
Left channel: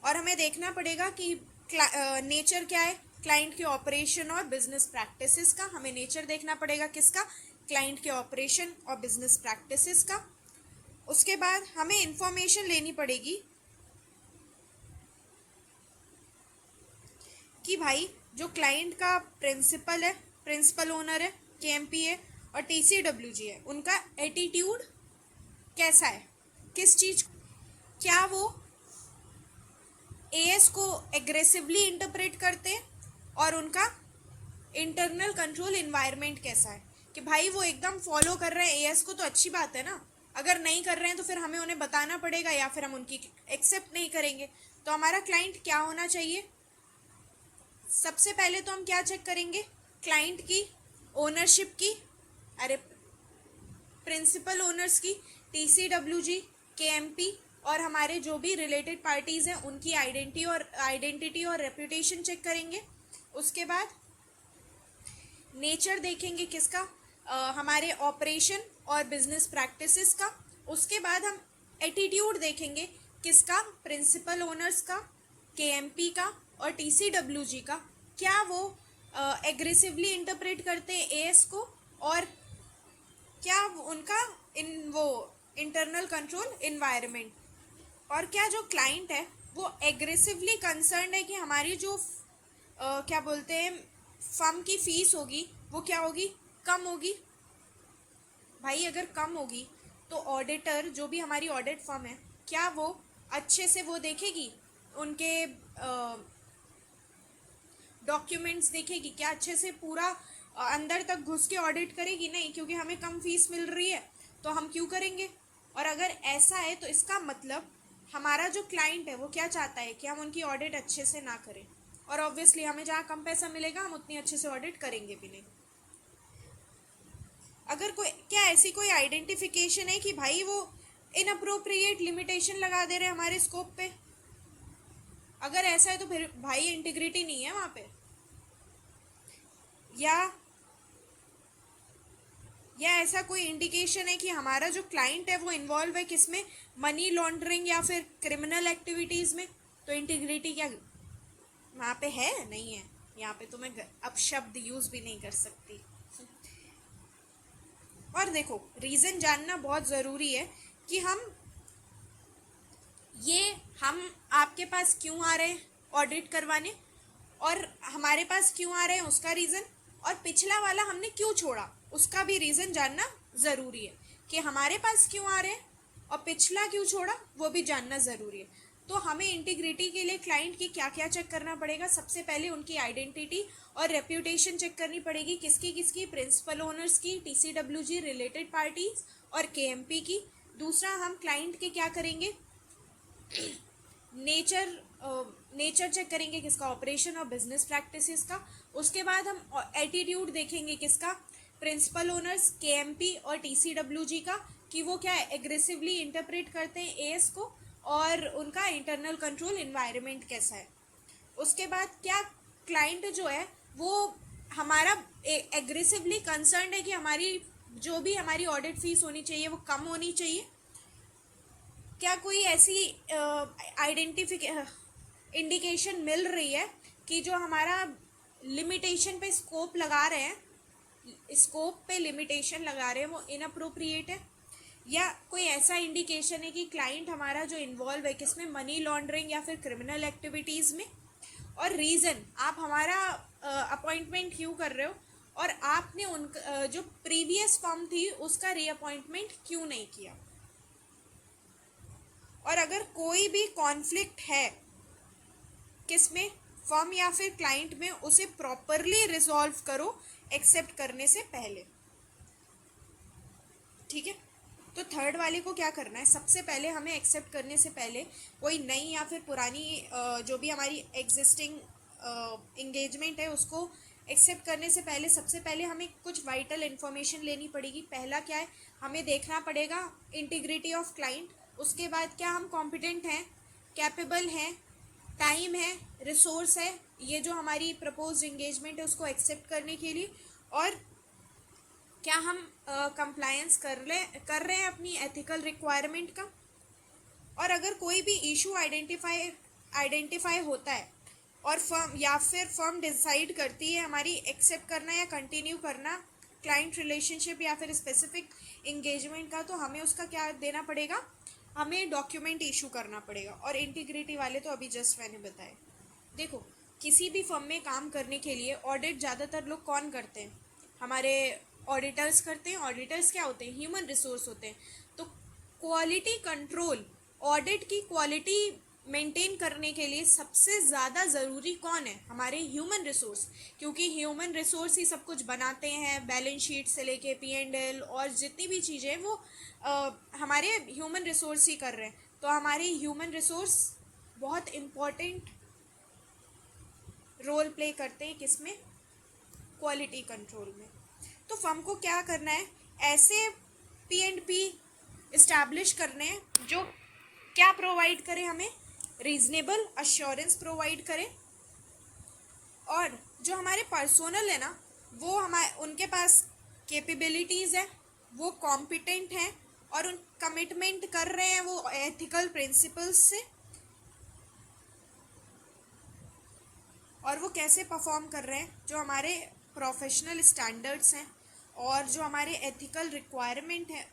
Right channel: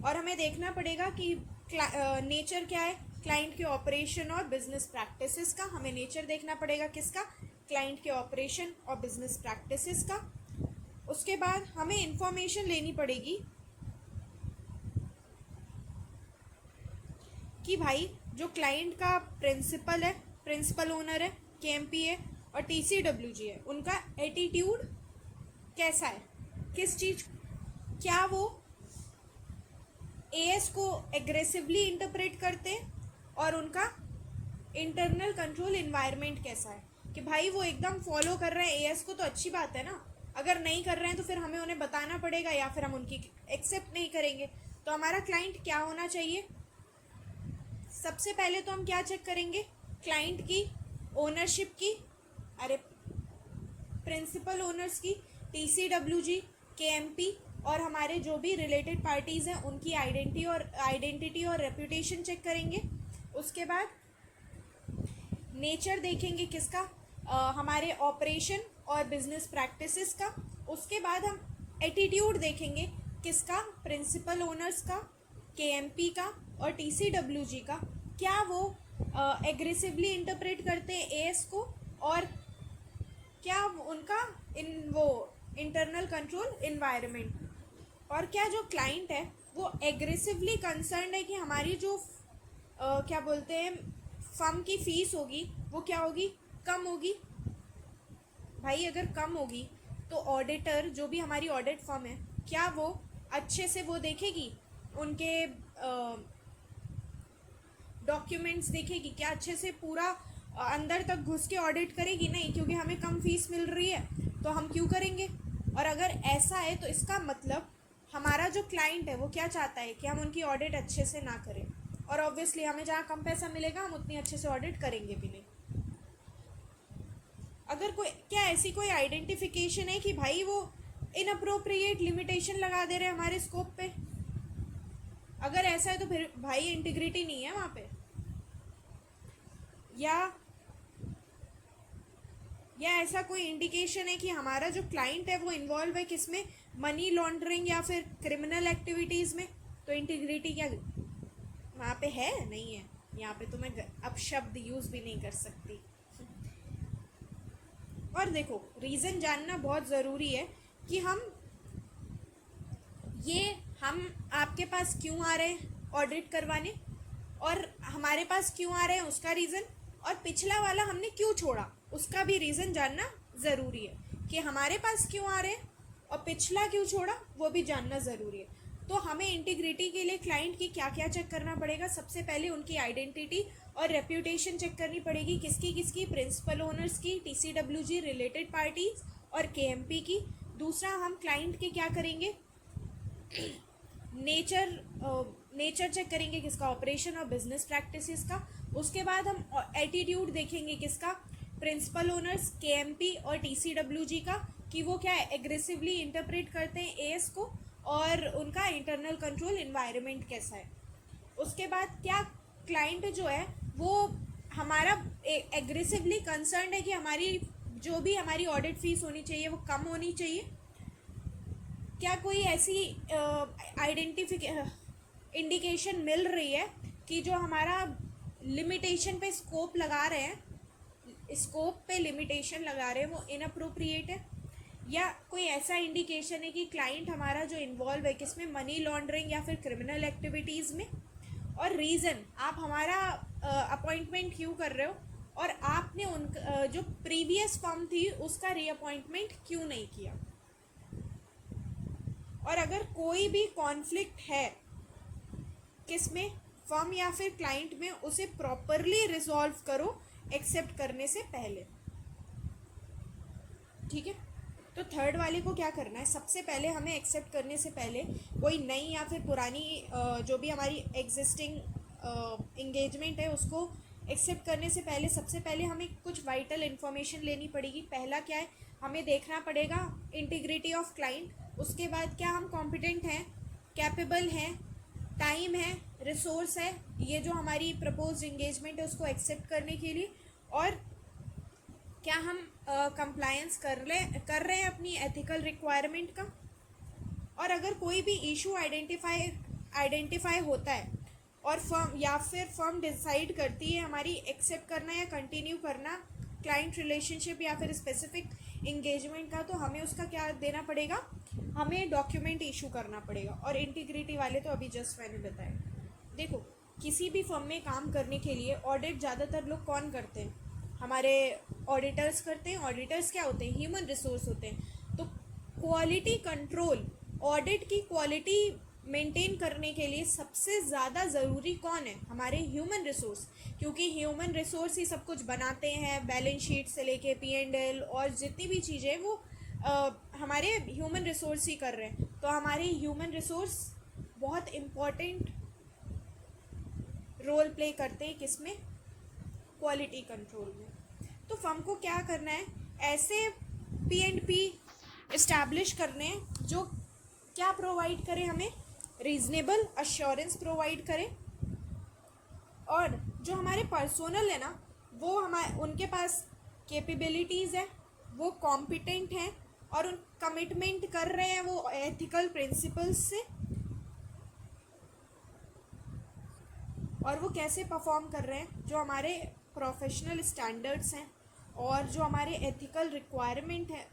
और हमें देखना पड़ेगा कि नेचर क्या है क्लाइंट के ऑपरेशन और बिजनेस प्रैक्टिसेस का। हमें नेचर देखना पड़ेगा किसका? क्लाइंट के ऑपरेशन और बिजनेस प्रैक्टिसेस का। उसके बाद हमें इंफॉर्मेशन लेनी पड़ेगी कि भाई जो क्लाइंट का प्रिंसिपल है, प्रिंसिपल ओनर है, KMP है और TCWG है, उनका एटीट्यूड कैसा है, किस चीज़, क्या वो AS को एग्रेसिवली इंटरप्रेट करते हैं और उनका इंटरनल कंट्रोल इन्वायरमेंट कैसा है कि भाई वो एकदम फॉलो कर रहे हैं AS को, तो अच्छी बात है ना। अगर नहीं कर रहे हैं तो फिर हमें उन्हें बताना पड़ेगा या फिर हम उनकी एक्सेप्ट नहीं करेंगे। तो हमारा क्लाइंट क्या होना चाहिए? सबसे पहले तो हम क्या चेक करेंगे? क्लाइंट की ओनरशिप की, अरे प्रिंसिपल ओनर्स की, TCWG, KMP और हमारे जो भी रिलेटेड पार्टीज़ हैं उनकी आइडेंटिटी और रेप्यूटेशन चेक करेंगे। उसके बाद नेचर देखेंगे किसका? हमारे ऑपरेशन और बिजनेस प्रैक्टिसेस का। उसके बाद हम एटीट्यूड देखेंगे किसका? प्रिंसिपल ओनर्स का, KMP का और TCWG का। क्या वो एग्रेसिवली इंटरप्रेट करते हैं AS को और क्या उनका वो इंटरनल कंट्रोल इन्वायरमेंट, और क्या जो क्लाइंट है वो एग्रेसिवली कंसर्न है कि हमारी जो क्या बोलते हैं फर्म की फ़ीस होगी वो क्या होगी? कम होगी। भाई अगर कम होगी तो ऑडिटर, जो भी हमारी ऑडिट फर्म है, क्या वो अच्छे से वो देखेगी, उनके डॉक्यूमेंट्स देखेगी क्या? अच्छे से पूरा अंदर तक घुस के ऑडिट करेगी? नहीं, क्योंकि हमें कम फीस मिल रही है तो हम क्यों करेंगे। और अगर ऐसा है तो इसका मतलब हमारा जो क्लाइंट है वो क्या चाहता है कि हम उनकी ऑडिट अच्छे से ना करें, और ऑब्वियसली हमें जहाँ कम पैसा मिलेगा हम उतनी अच्छे से ऑडिट करेंगे भी नहीं। अगर कोई, क्या ऐसी कोई आइडेंटिफिकेशन है कि भाई वो इनअप्रोप्रिएट लिमिटेशन लगा दे रहे हैं हमारे स्कोप पे? अगर ऐसा है तो फिर भाई इंटीग्रिटी नहीं है वहाँ पे। या ऐसा कोई इंडिकेशन है कि हमारा जो क्लाइंट है वो इन्वॉल्व है किसमें? मनी लॉन्ड्रिंग या फिर क्रिमिनल एक्टिविटीज़ में, तो इंटीग्रिटी क्या वहाँ पे है? नहीं है। यहाँ पे तो मैं अब शब्द यूज़ भी नहीं कर सकती। और देखो, रीज़न जानना बहुत ज़रूरी है कि हम आपके पास क्यों आ रहे हैं ऑडिट करवाने, और हमारे पास क्यों आ रहे हैं उसका रीज़न, और पिछला वाला हमने क्यों छोड़ा उसका भी रीज़न जानना ज़रूरी है कि हमारे पास क्यों आ रहे हैं और पिछला क्यों छोड़ा वो भी जानना ज़रूरी है। तो हमें इंटीग्रिटी के लिए क्लाइंट की क्या क्या चेक करना पड़ेगा? सबसे पहले उनकी आइडेंटिटी और रेप्यूटेशन चेक करनी पड़ेगी। किसकी किसकी? प्रिंसिपल ओनर्स की, TCWG, रिलेटेड पार्टीज और KMP की। दूसरा, हम क्लाइंट के क्या करेंगे? नेचर चेक करेंगे किसका? ऑपरेशन और बिजनेस प्रैक्टिसेस का। उसके बाद हम एटीट्यूड देखेंगे किसका? प्रिंसिपल ओनर्स, KMP और TCWG का, कि वो क्या एग्रेसिवली इंटरप्रेट करते हैं AS को और उनका इंटरनल कंट्रोल इन्वायरमेंट कैसा है। उसके बाद क्या क्लाइंट जो है वो हमारा एग्रेसिवली कंसर्न है कि हमारी जो भी हमारी ऑडिट फीस होनी चाहिए वो कम होनी चाहिए। क्या कोई ऐसी इंडिकेशन मिल रही है कि जो हमारा लिमिटेशन पे स्कोप लगा रहे हैं, स्कोप पे लिमिटेशन लगा रहे हैं वो इनअप्रोप्रिएट है। या कोई ऐसा इंडिकेशन है कि क्लाइंट हमारा जो इन्वॉल्व है किसमें, मनी लॉन्ड्रिंग या फिर क्रिमिनल एक्टिविटीज़ में। और रीज़न आप हमारा अपॉइंटमेंट क्यों कर रहे हो, और आपने उन जो प्रीवियस फर्म थी उसका रीअपॉइंटमेंट क्यों नहीं किया। और अगर कोई भी कॉन्फ्लिक्ट है किसमें, फर्म या फिर क्लाइंट में, उसे प्रॉपरली रिजॉल्व करो एक्सेप्ट करने से पहले। ठीक है, तो थर्ड वाले को क्या करना है, सबसे पहले हमें एक्सेप्ट करने से पहले कोई नई या फिर पुरानी जो भी हमारी एग्जिस्टिंग इंगेजमेंट है उसको एक्सेप्ट करने से पहले सबसे पहले हमें कुछ वाइटल इन्फॉर्मेशन लेनी पड़ेगी। पहला क्या है, हमें देखना पड़ेगा इंटीग्रिटी ऑफ क्लाइंट। उसके बाद क्या हम कॉम्पिटेंट हैं, कैपेबल हैं, टाइम है, रिसोर्स है, ये जो हमारी प्रपोज इंगेजमेंट है उसको एक्सेप्ट करने के लिए। और क्या हम कंप्लायंस कर रहे हैं अपनी एथिकल रिक्वायरमेंट का। और अगर कोई भी इशू आइडेंटिफाई होता है और फर्म डिसाइड करती है हमारी एक्सेप्ट करना या कंटिन्यू करना क्लाइंट रिलेशनशिप या फिर स्पेसिफिक इंगेजमेंट का, तो हमें उसका क्या देना पड़ेगा, हमें डॉक्यूमेंट इशू करना पड़ेगा। और इंटीग्रिटी वाले तो अभी जस्ट मैंने बताए। देखो, किसी भी फर्म में काम करने के लिए ऑडिट ज़्यादातर लोग कौन करते हैं, हमारे ऑडिटर्स करते हैं। ऑडिटर्स क्या होते हैं, ह्यूमन रिसोर्स होते हैं। तो क्वालिटी कंट्रोल, ऑडिट की क्वालिटी मेंटेन करने के लिए सबसे ज़्यादा ज़रूरी कौन है, हमारे ह्यूमन रिसोर्स। क्योंकि ह्यूमन रिसोर्स ही सब कुछ बनाते हैं, बैलेंस शीट से लेके P&L और जितनी भी चीज़ें वो हमारे ह्यूमन रिसोर्स ही कर रहे हैं। तो हमारे ह्यूमन रिसोर्स बहुत इम्पॉर्टेंट रोल प्ले करते हैं किसमें, क्वालिटी कंट्रोल में। तो फर्म को क्या करना है, ऐसे P&P इस्टेब्लिश करने हैं जो क्या प्रोवाइड करें, हमें रीजनेबल अश्योरेंस प्रोवाइड करें। और जो हमारे पर्सोनल है ना, वो उनके पास कैपेबिलिटीज़ है, वो कॉम्पिटेंट हैं और उन कमिटमेंट कर रहे हैं वो एथिकल प्रिंसिपल्स से। और वो कैसे परफॉर्म कर रहे हैं, जो हमारे प्रोफेशनल स्टैंडर्ड्स हैं और जो हमारे एथिकल रिक्वायरमेंट है,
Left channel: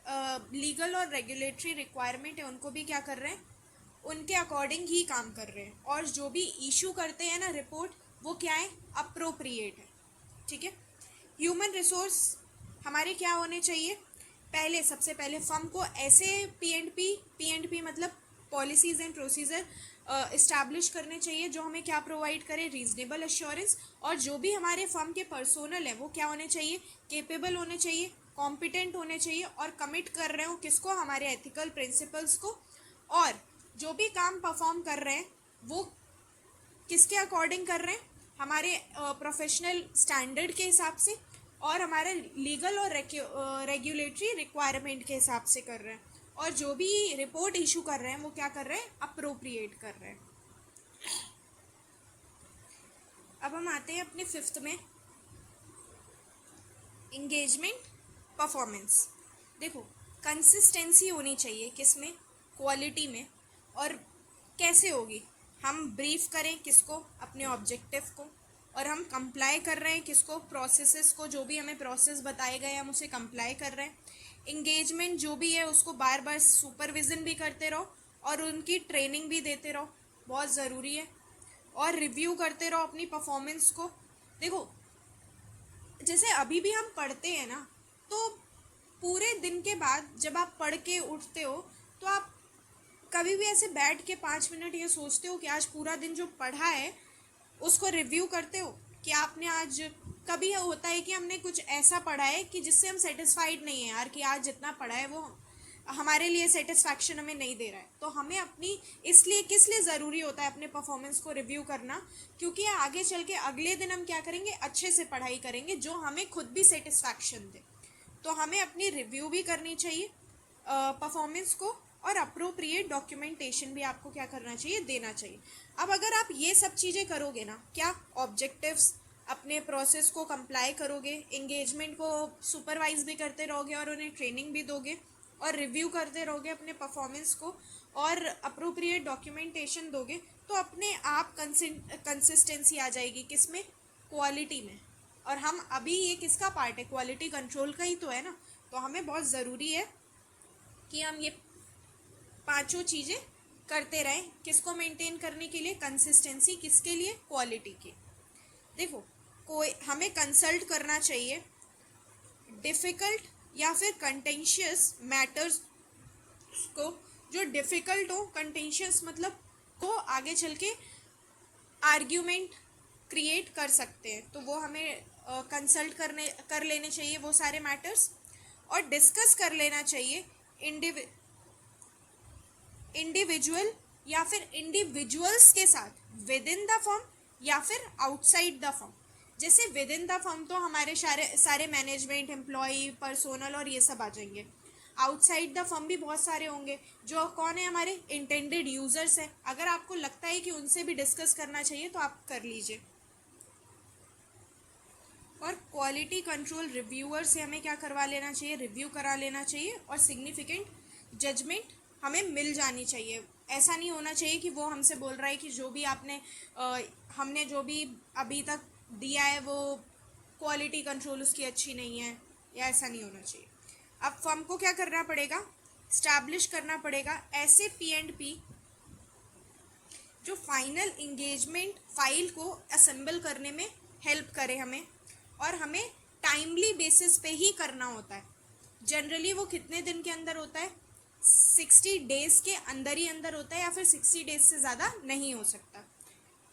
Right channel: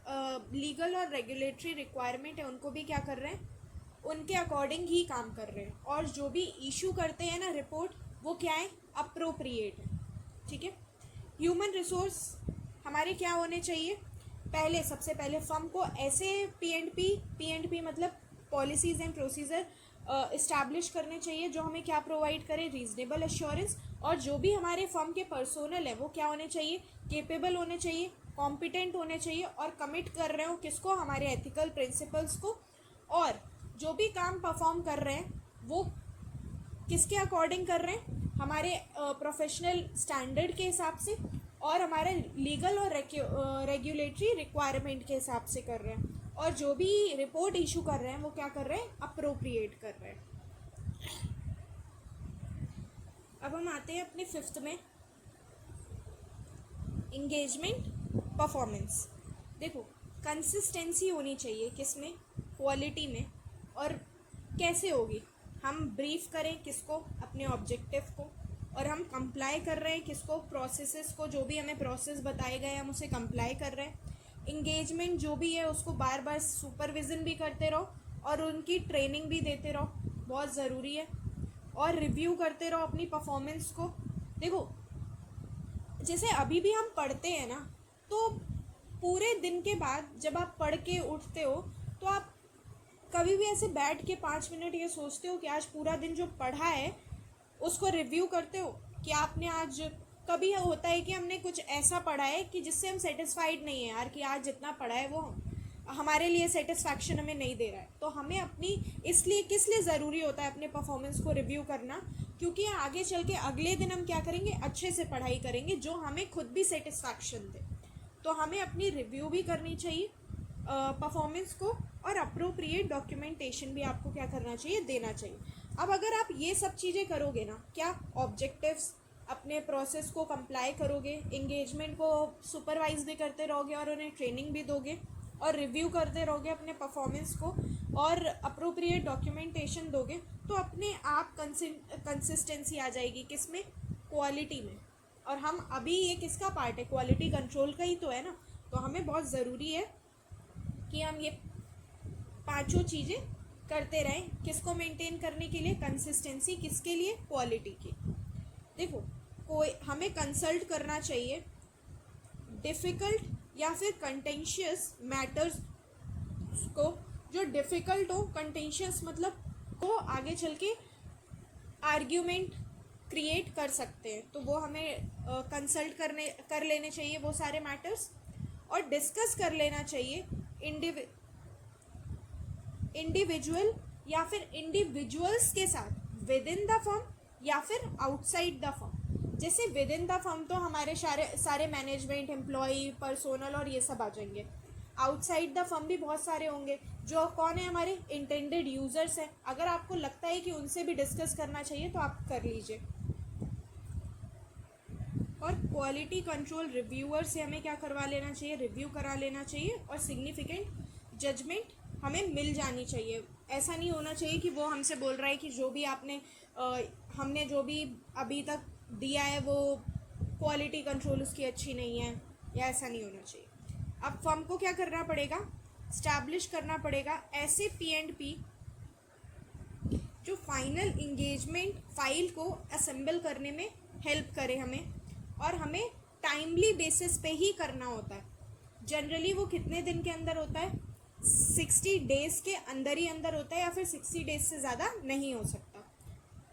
लीगल और रेगुलेटरी रिक्वायरमेंट है, उनको भी क्या कर रहे हैं, उनके अकॉर्डिंग ही काम कर रहे हैं। और जो भी इशू करते हैं ना रिपोर्ट, वो क्या है, अप्रोप्रिएट है। ठीक है, ह्यूमन रिसोर्स हमारे क्या होने चाहिए, सबसे पहले फर्म को ऐसे P&P मतलब पॉलिसीज़ एंड प्रोसीजर इस्टेब्लिश करने चाहिए जो हमें क्या प्रोवाइड करे, रीजनेबल एश्योरेंस। और जो भी हमारे फर्म के पर्सोनल है वो क्या होने चाहिए, केपेबल होने चाहिए, कॉम्पिटेंट होने चाहिए और कमिट कर रहे हो किसको, हमारे एथिकल प्रिंसिपल्स को। और जो भी काम परफॉर्म कर रहे हैं वो किसके अकॉर्डिंग कर रहे हैं, हमारे प्रोफेशनल स्टैंडर्ड के हिसाब से और हमारे लीगल और रेगुलेटरी रिक्वायरमेंट के हिसाब से कर रहे हैं। और जो भी रिपोर्ट इशू कर रहे हैं वो क्या कर रहे हैं, अप्रोप्रिएट कर रहे हैं। अब हम आते हैं अपने फिफ्थ में, इंगेजमेंट परफॉर्मेंस। देखो, कंसिस्टेंसी होनी चाहिए किसमें, क्वालिटी में। और कैसे होगी, हम ब्रीफ करें किसको, अपने ऑब्जेक्टिव को, और हम कंप्लाई कर रहे हैं किसको, प्रोसेसेस को, जो भी हमें प्रोसेस बताए गए हम उसे कंप्लाई कर रहे हैं। इंगेजमेंट जो भी है उसको बार बार सुपरविज़न भी करते रहो और उनकी ट्रेनिंग भी देते रहो, बहुत ज़रूरी है। और रिव्यू करते रहो अपनी परफॉर्मेंस को। देखो, जैसे अभी भी हम पढ़ते हैं ना, तो पूरे दिन के बाद जब आप पढ़ के उठते हो तो आप कभी भी ऐसे बैठ के 5 मिनट ये सोचते हो कि आज पूरा दिन जो पढ़ा है उसको रिव्यू करते हो कि आपने आज, कभी होता है कि हमने कुछ ऐसा पढ़ा है कि जिससे हम सेटिस्फाइड नहीं है यार, कि आज जितना पढ़ा है वो हमारे लिए सेटिस्फैक्शन हमें नहीं दे रहा है। तो हमें अपनी, इसलिए किस लिए ज़रूरी होता है अपने परफॉर्मेंस को रिव्यू करना, क्योंकि आगे चल के अगले दिन हम क्या करेंगे, अच्छे से पढ़ाई करेंगे जो हमें खुद भी सेटिस्फैक्शन दे। तो हमें अपनी रिव्यू भी करनी चाहिए परफॉर्मेंस को, और अप्रोप्रिएट डॉक्यूमेंटेशन भी आपको क्या करना चाहिए, देना चाहिए। अब अगर आप ये सब चीज़ें करोगे ना, क्या ऑब्जेक्टिव्स, अपने प्रोसेस को कंप्लाई करोगे, एंगेजमेंट को सुपरवाइज भी करते रहोगे और उन्हें ट्रेनिंग भी दोगे और रिव्यू करते रहोगे अपने परफॉर्मेंस को और अप्रोप्रिएट डॉक्यूमेंटेशन दोगे, तो अपने आप कंसिस्टेंसी आ जाएगी किसमें, क्वालिटी में। और हम अभी ये किसका पार्ट है, क्वालिटी कंट्रोल का ही तो है ना। तो हमें बहुत ज़रूरी है कि हम ये पांचों चीज़ें करते रहें। किसको मेंटेन करने के लिए, कंसिस्टेंसी, किसके लिए, क्वालिटी की। देखो, कोई हमें कंसल्ट करना चाहिए डिफ़िकल्ट या फिर कंटेंशियस मैटर्स को। जो डिफ़िकल्ट हो, कंटेंशियस मतलब तो आगे चल के आर्ग्यूमेंट क्रिएट कर सकते हैं, तो वो हमें कंसल्ट कर लेने चाहिए वो सारे मैटर्स। और डिस्कस कर लेना चाहिए इंडिविजुअल या फिर इंडिविजुअल्स के साथ विद इन द फर्म या फिर आउटसाइड द फर्म। जैसे विद इन द फर्म तो हमारे सारे मैनेजमेंट, एम्प्लॉय, पर्सोनल और ये सब आ जाएंगे। आउटसाइड द फर्म भी बहुत सारे होंगे, जो कौन है, हमारे इंटेंडेड यूजर्स हैं। अगर आपको लगता है कि उनसे भी डिस्कस करना चाहिए तो आप कर लीजिए। और क्वालिटी कंट्रोल रिव्यूअर से हमें क्या करवा लेना चाहिए, रिव्यू करा लेना चाहिए। और सिग्निफिकेंट जजमेंट हमें मिल जानी चाहिए। ऐसा नहीं होना चाहिए कि वो हमसे बोल रहा है कि जो भी हमने जो भी अभी तक दिया है वो क्वालिटी कंट्रोल उसकी अच्छी नहीं है, या ऐसा नहीं होना चाहिए। अब फर्म को क्या करना पड़ेगा, स्टैब्लिश करना पड़ेगा ऐसे P&P जो फाइनल इंगेजमेंट फाइल को असेंबल करने में हेल्प करे हमें, और हमें टाइमली बेसिस पे ही करना होता है। जनरली वो कितने दिन के अंदर होता है, 60 डेज़ के अंदर ही अंदर होता है, या फिर 60 डेज से ज़्यादा नहीं हो सकता।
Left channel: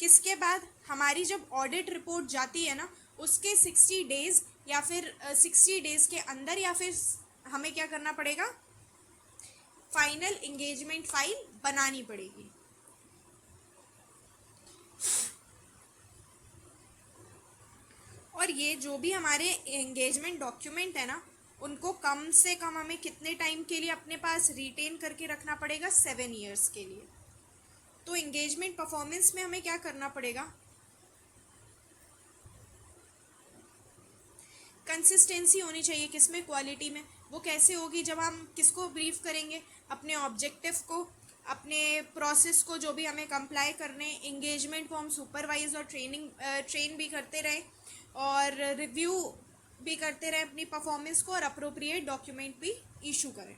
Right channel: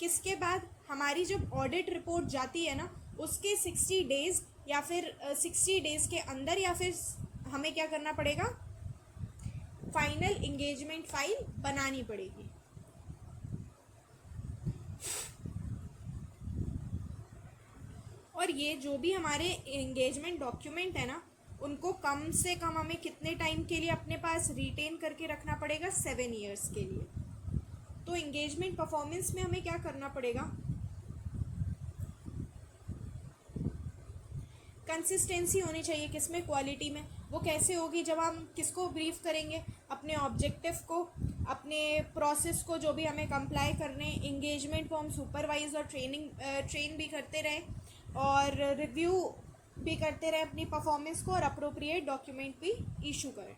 किसके बाद, हमारी जब ऑडिट रिपोर्ट जाती है ना, उसके 60 डेज़ या फिर 60 डेज़ के अंदर, या फिर हमें क्या करना पड़ेगा, फाइनल इंगेजमेंट फाइल बनानी पड़ेगी। और ये जो भी हमारे एंगेजमेंट डॉक्यूमेंट है ना, उनको कम से कम हमें कितने टाइम के लिए अपने पास रिटेन करके रखना पड़ेगा, 7 ईयर्स के लिए। तो एंगेजमेंट परफॉर्मेंस में हमें क्या करना पड़ेगा, कंसिस्टेंसी होनी चाहिए। किसमें, क्वालिटी में। वो कैसे होगी, जब हम किसको ब्रीफ करेंगे, अपने ऑब्जेक्टिव को, अपने प्रोसेस को, जो भी हमें कंप्लाई करने, एंगेजमेंट को हम सुपरवाइज और ट्रेन भी करते रहें, और रिव्यू भी करते रहें अपनी परफॉर्मेंस को, और अप्रोप्रिएट डॉक्यूमेंट भी इशू करें।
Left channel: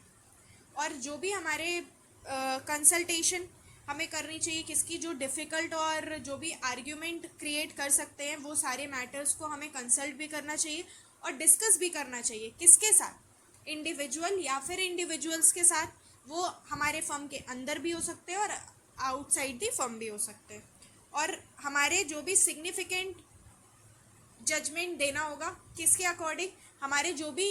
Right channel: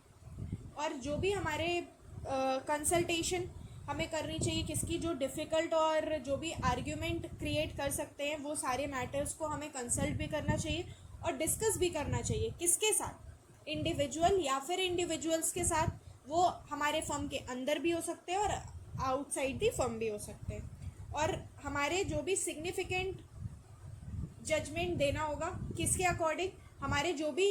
और जो भी हमारे कंसल्टेशन हमें करनी चाहिए किसकी, जो डिफ़िकल्ट और जो भी आर्ग्यूमेंट क्रिएट कर सकते हैं, वो सारे मैटर्स को हमें कंसल्ट भी करना चाहिए और डिस्कस भी करना चाहिए। किसके साथ, इंडिविजुअल या फिर इंडिविजुअल्स के साथ। वो हमारे फर्म के अंदर भी हो सकते हैं और आउटसाइड दी फर्म भी हो सकते हैं। और हमारे जो भी सिग्निफिकेंट जजमेंट देना होगा किसके अकॉर्डिंग, हमारे जो भी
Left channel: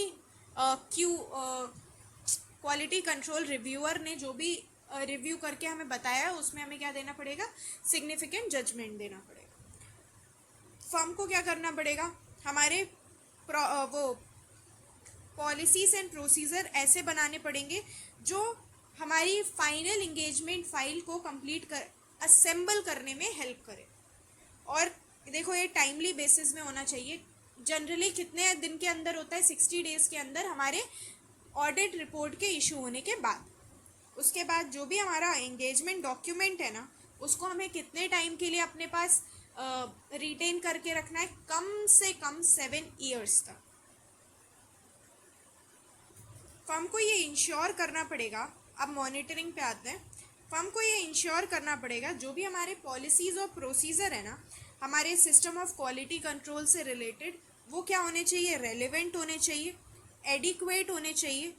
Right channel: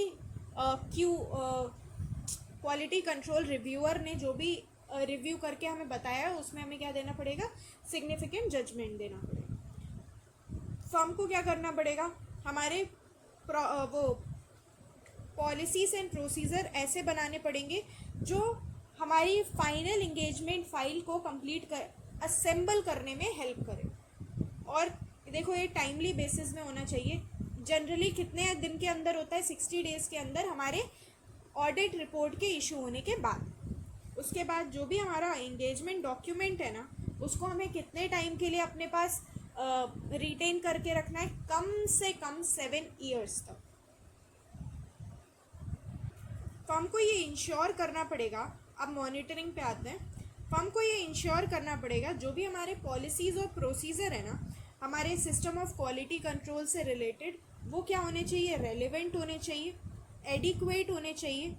क्वालिटी कंट्रोल रिव्यूअर ने जो भी रिव्यू करके हमें बताया है, उसमें हमें क्या देना पड़ेगा, सिग्निफिकेंट जजमेंट देना पड़ेगा। फर्म को क्या करना पड़ेगा, हमारे वो पॉलिसीज एंड प्रोसीजर ऐसे बनाने पड़ेंगे जो हमारी फाइनल इंगेजमेंट फाइल को कंप्लीट असेंबल करने में हेल्प करें। और देखो, ये टाइमली बेसिस में होना चाहिए। जनरली कितने दिन के अंदर होता है, 60 डेज़ के अंदर, हमारे ऑडिट रिपोर्ट के इशू होने के बाद। उसके बाद जो भी हमारा एंगेजमेंट डॉक्यूमेंट है ना, उसको हमें कितने टाइम के लिए अपने पास रिटेन करके रखना है, कम से कम 7 ईयर्स तक। फर्म को ये इंश्योर करना पड़ेगा, अब मॉनिटरिंग पे आते हैं। फर्म को ये इंश्योर करना पड़ेगा जो भी हमारे पॉलिसीज़ और प्रोसीजर है ना, हमारे सिस्टम ऑफ क्वालिटी कंट्रोल से रिलेटेड, वो क्या होने चाहिए, रेलेवेंट होने चाहिए, एडिक्वेट होने चाहिए,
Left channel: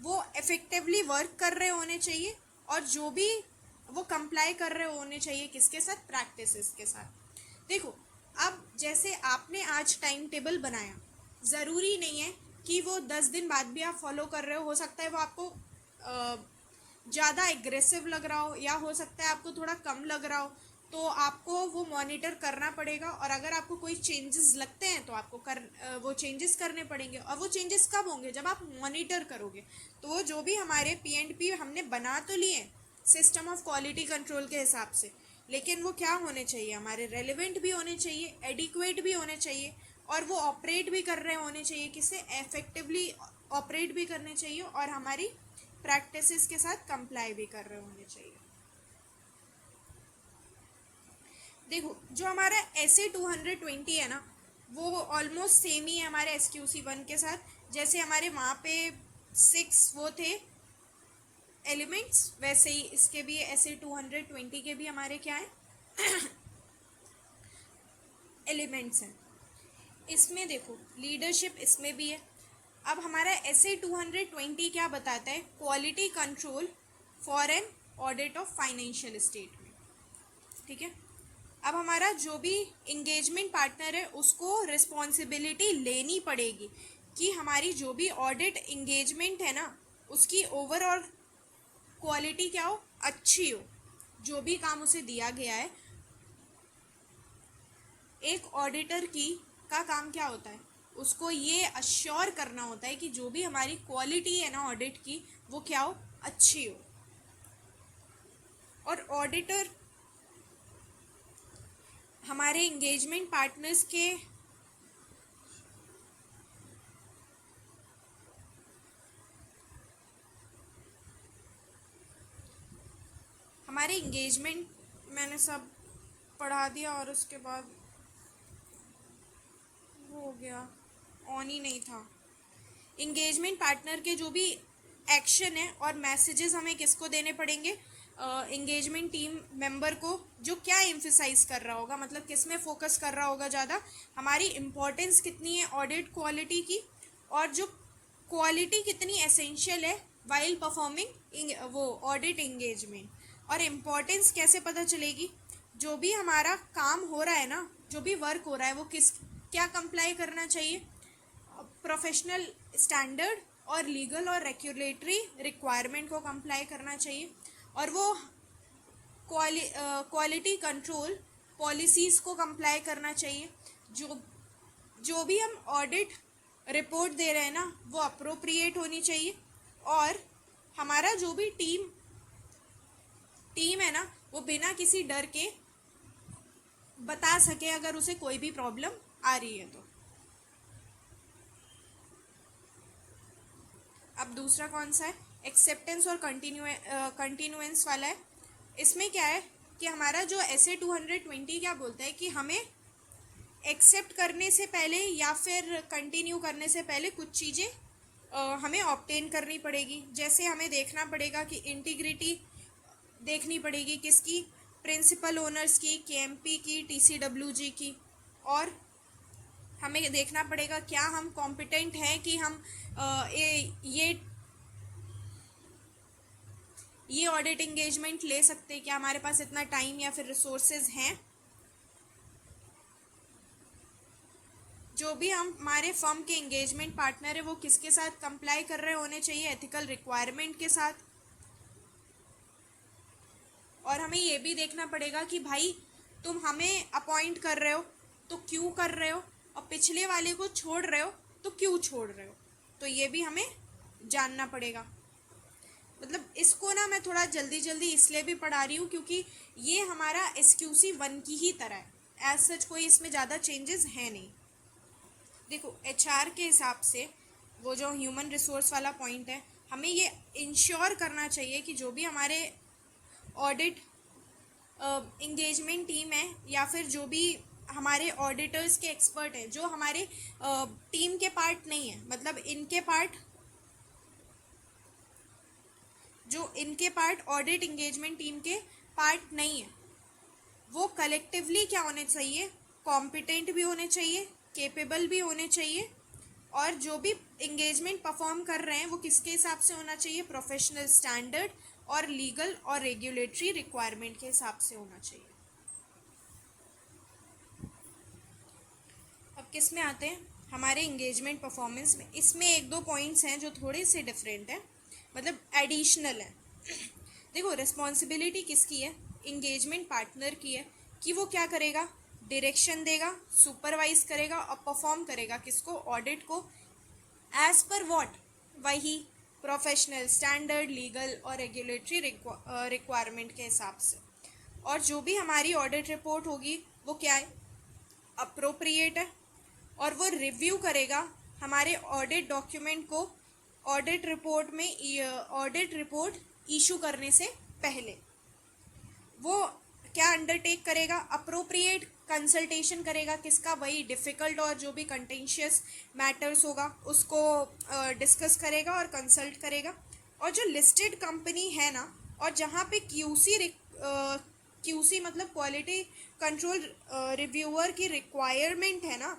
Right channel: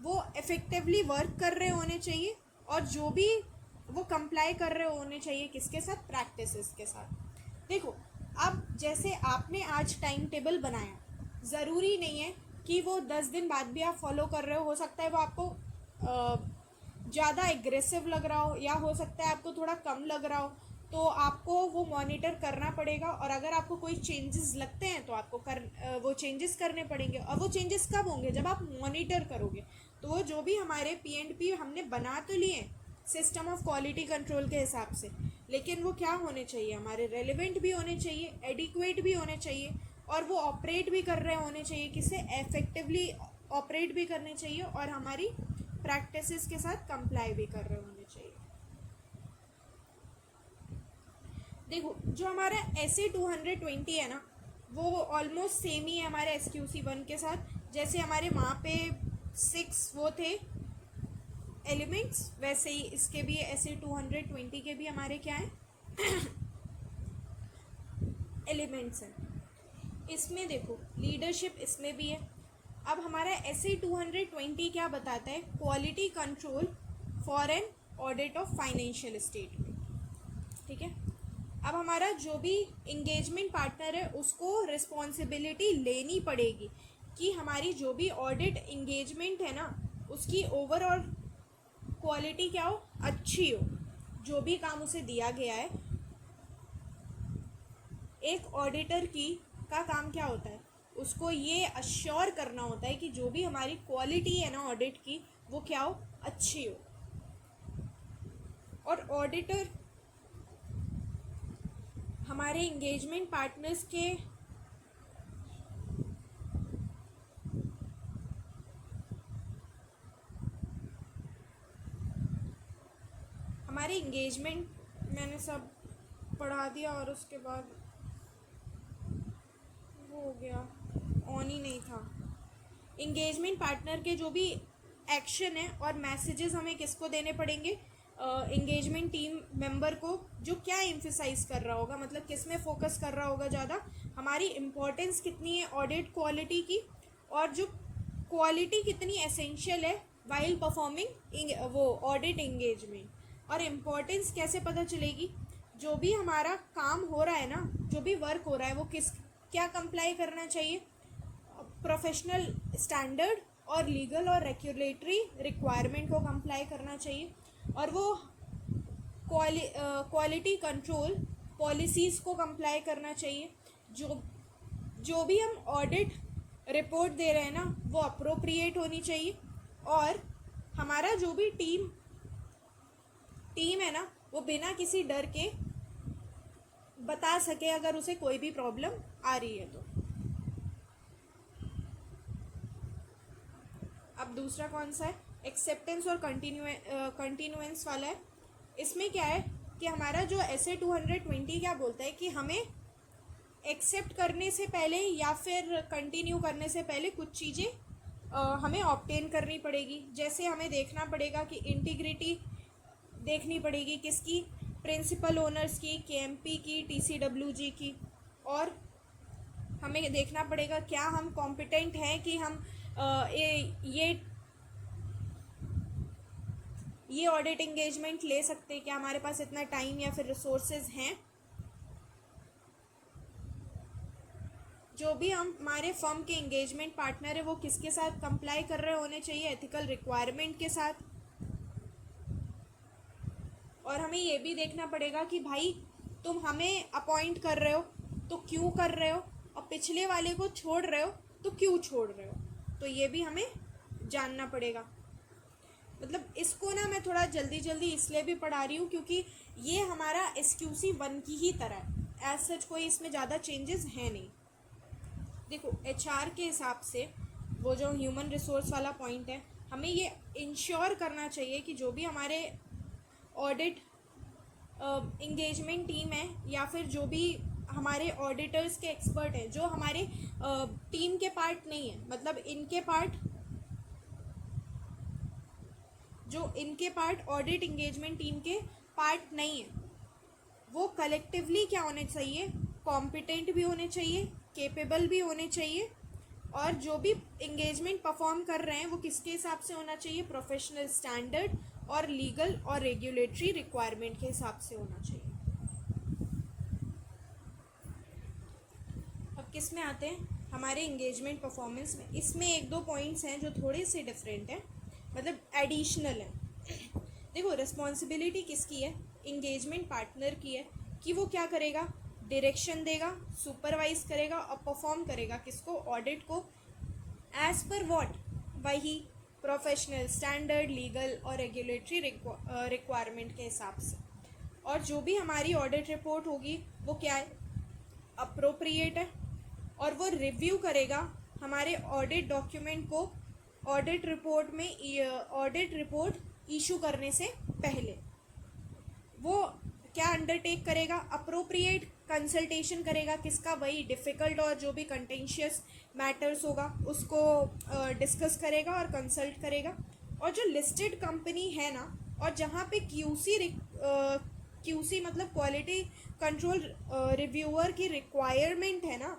वो इफ़ेक्टिवली वर्क कर रहे होने चाहिए, और जो भी वो कंप्लाई कर रहे होने चाहिए किसके साथ, प्रैक्टिसेस के साथ। देखो, अब जैसे आपने आज टाइम टेबल बनाया, ज़रूरी नहीं है कि वो 10 दिन बाद भी आप फॉलो कर रहे हो सकता है वो आपको ज़्यादा एग्रेसिव लग रहा हो, या हो सकता है आपको थोड़ा कम लग रहा हो। तो आपको वो मॉनिटर करना पड़ेगा, और अगर आपको कोई चेंजेस लगते हैं तो आपको वो चेंजेस करने पड़ेंगे। और वो चेंजेस कब होंगे? जब आप मॉनिटर करोगे। तो वो जो भी हमारे P&P हमने बना तो लिए सिस्टम ऑफ क्वालिटी कंट्रोल के हिसाब से, लेकिन वो क्या होने चाहिए? हमारे रेलिवेंट भी होने चाहिए, एडिक्वेट भी होने चाहिए, और वो ऑपरेट भी कर रहे होने चाहिए, किससे? इफेक्टिवली ऑपरेट भी करने चाहिए, और हमारी प्रैक्टिसेस के साथ कंप्लाई भी कर रहे होने चाहिए। देखो, जो हमारा SA-220 है ना, वो ऑलमोस्ट सेम ही है हमारे SQC-1 के साथ। जैसे हमारे वहाँ पे 6 वो थे एलिमेंट्स, वैसे ही इसके भी SA-220 के भी हमारे क्या है एलिमेंट्स हैं। इसमें देखो लीडरशिप इसमें भी है। अब हमारा SA-220 क्या बताता है? Quality control for an audit of financial statement. ठीक है। अब हमारा जो भी इंगेजमेंट पार्टनर है उसको रिस्पॉन्सिबिलिटी लेनी पड़ेगी कि हमारी जो भी ऑडिट इंगेजमेंट है ना, उसकी ओवरऑल क्वालिटी क्या हो? अच्छी हो। जो भी काम उसे दिया गया है, एक ऑडिटर का काम क्या होता है? उसको ये अश्योर करना होता है कि जो भी हमारी क्वालिटी है ना ऑडिट की, वो क्या हो? अच्छी हो। और ऑडिटर हमारे इंगेजमेंट पार्टनर्स के हमारे इंगेजमेंट मैंने सब पढ़ा दिया, और उसके बाद वो हो गया, ऑन ही नहीं था। इंगेजमेंट पार्टनर के जो भी एक्शन है और मैसेजेस हमें किसको देने पड़ेंगे? इंगेजमेंट टीम मेंबर को, जो क्या एम्फेसाइज कर रहा होगा, मतलब किस में फोकस कर रहा होगा ज़्यादा, हमारी इम्पोर्टेंस कितनी है ऑडिट क्वालिटी की, और जो क्वालिटी कितनी एसेंशियल है वाइल परफॉर्मिंग वो ऑडिट इंगेजमेंट। और इम्पोर्टेंस कैसे पता चलेगी? जो भी हमारा काम हो रहा है ना, जो भी वर्क हो रहा है, वो क्या कंप्लाई करना चाहिए? प्रोफेशनल स्टैंडर्ड और लीगल और रेगुलेटरी रिक्वायरमेंट को कंप्लाई करना चाहिए, और वो क्वालिटी कंट्रोल पॉलिसीज़ को कंप्लाई करना चाहिए। जो भी हम ऑडिट रिपोर्ट दे रहे हैं ना, वो अप्रोप्रिएट होनी चाहिए, और हमारा जो भी टीम है ना, वो बिना किसी डर के बता सके अगर उसे कोई भी प्रॉब्लम आ रही है तो। अब दूसरा कौन सा है? एक्सेप्टेंस और कंटिन्यूएंस वाला है। इसमें क्या है कि हमारा जो SA-220 क्या बोलता है कि हमें एक्सेप्ट करने से पहले या फिर कंटिन्यू करने से पहले कुछ चीज़ें हमें ऑब्टेन करनी पड़ेगी। जैसे हमें देखना पड़ेगा कि इंटीग्रिटी देखनी पड़ेगी किसकी? प्रिंसिपल ओनर्स की, KMP की, TCWG की, और हमें देखना पड़ेगा क्या हम कॉम्पिटेंट हैं कि हम ये ऑडिट इंगेजमेंट ले सकते हैं, क्या हमारे पास इतना टाइम या फिर रिसोर्सेज हैं। जो भी हमारे फर्म के इंगेजमेंट पार्टनर है वो किसके साथ कंप्लाई कर रहे होने चाहिए? एथिकल रिक्वायरमेंट के साथ। और हमें ये भी देखना पड़ेगा कि भाई तुम हमें अपॉइंट कर रहे हो तो क्यों कर रहे हो, और पिछले वाले को छोड़ रहे हो तो क्यों छोड़ रहे हो, तो ये भी हमें जानना पड़ेगा। मतलब इसको ना मैं थोड़ा जल्दी जल्दी इसलिए भी पढ़ा रही हूँ क्योंकि ये हमारा SQC-1 की ही तरह है, एज सच कोई इसमें ज़्यादा चेंजेस हैं नहीं। देखो HR के हिसाब से वो जो ह्यूमन रिसोर्स वाला पॉइंट है, हमें ये इंश्योर करना चाहिए कि जो भी हमारे ऑडिट इंगेजमेंट टीम है या फिर जो भी हमारे ऑडिटर्स के एक्सपर्ट हैं, जो हमारे टीम के पार्ट नहीं है, मतलब इनके पार्ट ऑडिट इंगेजमेंट टीम के पार्ट नहीं है, वो कलेक्टिवली क्या होने चाहिए? कॉम्पिटेंट भी होने चाहिए, केपेबल भी होने चाहिए, और जो भी इंगेजमेंट परफॉर्म कर रहे हैं वो किसके हिसाब से होना चाहिए? प्रोफेशनल स्टैंडर्ड और लीगल और रेगुलेटरी रिक्वायरमेंट के हिसाब से होना चाहिए। अब किस में आते हैं? हमारे इंगेजमेंट परफॉर्मेंस में। इसमें 1-2 पॉइंट्स हैं जो थोड़े से डिफरेंट हैं, मतलब एडिशनल है। देखो रिस्पॉन्सिबिलिटी किसकी है? इंगेजमेंट पार्टनर की है कि वो क्या करेगा, डायरेक्शन देगा, सुपरवाइज करेगा और परफॉर्म करेगा किसको, ऑडिट को, एज पर व्हाट, वही प्रोफेशनल स्टैंडर्ड, लीगल और रेगुलेटरी रिक्वायरमेंट के हिसाब से। और जो भी हमारी ऑडिट रिपोर्ट होगी वो क्या है, अप्रोप्रिएट है, और वो रिव्यू करेगा हमारे ऑडिट डॉक्यूमेंट को ऑडिट रिपोर्ट में, ऑडिट रिपोर्ट इशू करने से पहले। वो क्या अंडरटेक करेगा, अप्रोप्रिएट कंसल्टेशन करेगा किसका, वही डिफ़िकल्ट और जो भी कंटेंशियस मैटर्स होगा उसको डिस्कस करेगा और कंसल्ट करेगा। और जो लिस्टेड कंपनी है ना, और जहाँ पे क्यूसी मतलब क्वालिटी कंट्रोल रिव्यूअर की रिक्वायरमेंट है ना,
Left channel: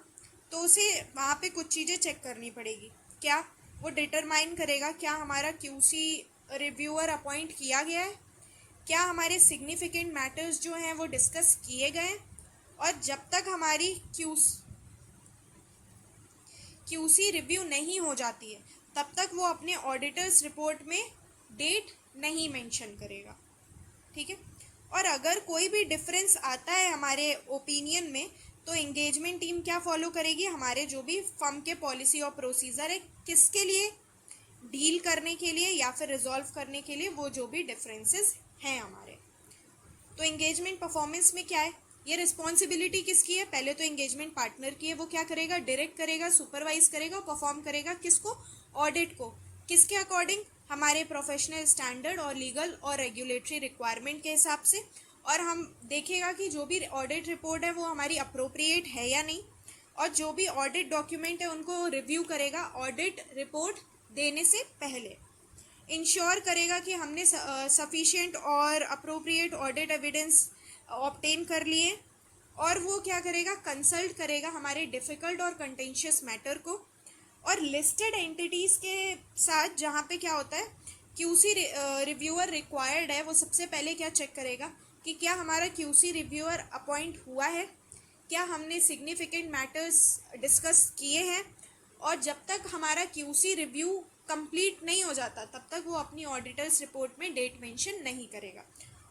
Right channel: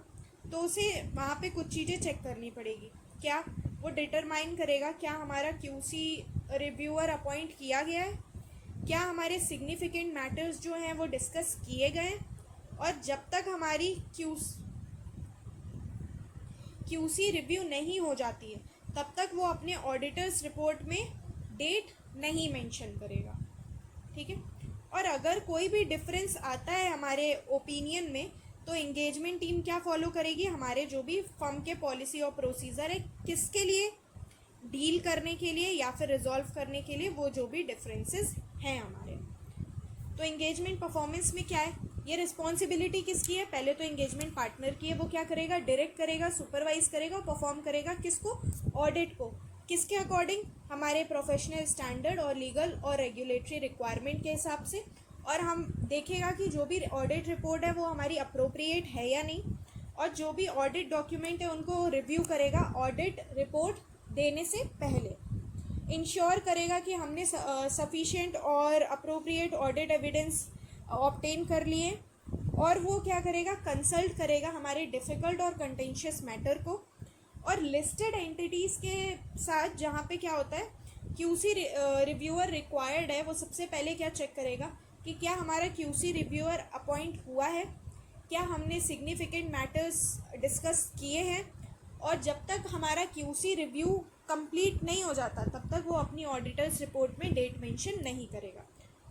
तो उसे वहाँ पे कुछ चीज़ें चेक करनी पड़ेगी। क्या, वो डिटरमाइन करेगा क्या हमारा क्यूसी रिव्यूअर अपॉइंट किया गया है, क्या हमारे सिग्निफिकेंट मैटर्स जो हैं वो डिस्कस किए गए हैं, और जब तक हमारी क्यूसी रिव्यू नहीं हो जाती है तब तक वो अपने ऑडिटर्स रिपोर्ट में डेट नहीं मेंशन करेगा। ठीक है। और अगर कोई भी डिफरेंस आता है हमारे ओपिनियन में तो एंगेजमेंट टीम क्या फॉलो करेगी, हमारे जो भी फर्म के पॉलिसी और प्रोसीजर है किसके लिए, डील करने के लिए या फिर रिजॉल्व करने के लिए वो जो भी डिफरेंसेस हैं हमारे। तो एंगेजमेंट परफॉर्मेंस में क्या है, ये रिस्पॉन्सिबिलिटी किसकी है, पहले तो एंगेजमेंट पार्टनर की है, वो क्या करेगा, डायरेक्ट करेगा, सुपरवाइज करेगा, परफॉर्म करेगा किसको, ऑडिट को, किसके अकॉर्डिंग, हमारे प्रोफेशनल स्टैंडर्ड और लीगल और रेगुलेटरी रिक्वायरमेंट के हिसाब से। और हम देखेगा कि जो भी ऑडिट रिपोर्ट है वो हमारी अप्रोप्रिएट है या नहीं, और जो भी ऑडिट डॉक्यूमेंट है उनको रिव्यू करेगा ऑडिट रिपोर्ट देने से पहले। इंश्योर करेगा कि हमने सफिशिएंट और अप्रोप्रिएट ऑडिट एविडेंस ऑब्टेन कर लिए, और वो क्या करेगा, कंसल्ट करेगा हमारे डिफ़िकल्ट और कंटेंशियस मैटर को। और लिस्टेड एंटिटीज़ के साथ जहाँ पे क्या होता है, क्यूसी रिव्यूअर रिक्वायर्ड है, वो सबसे पहले क्या चेक करेगा कि क्या हमारा क्यूसी रिव्यूअर अपॉइंट हुआ है, क्या हमने सिग्निफिकेंट मैटर्स डिस्कस किए हैं, और जब तक हमारा क्यूसी रिव्यू कंप्लीट नहीं हो जाता तब तक वो अपनी ऑडिटर्स रिपोर्ट में डेट मेंशन नहीं करेगा।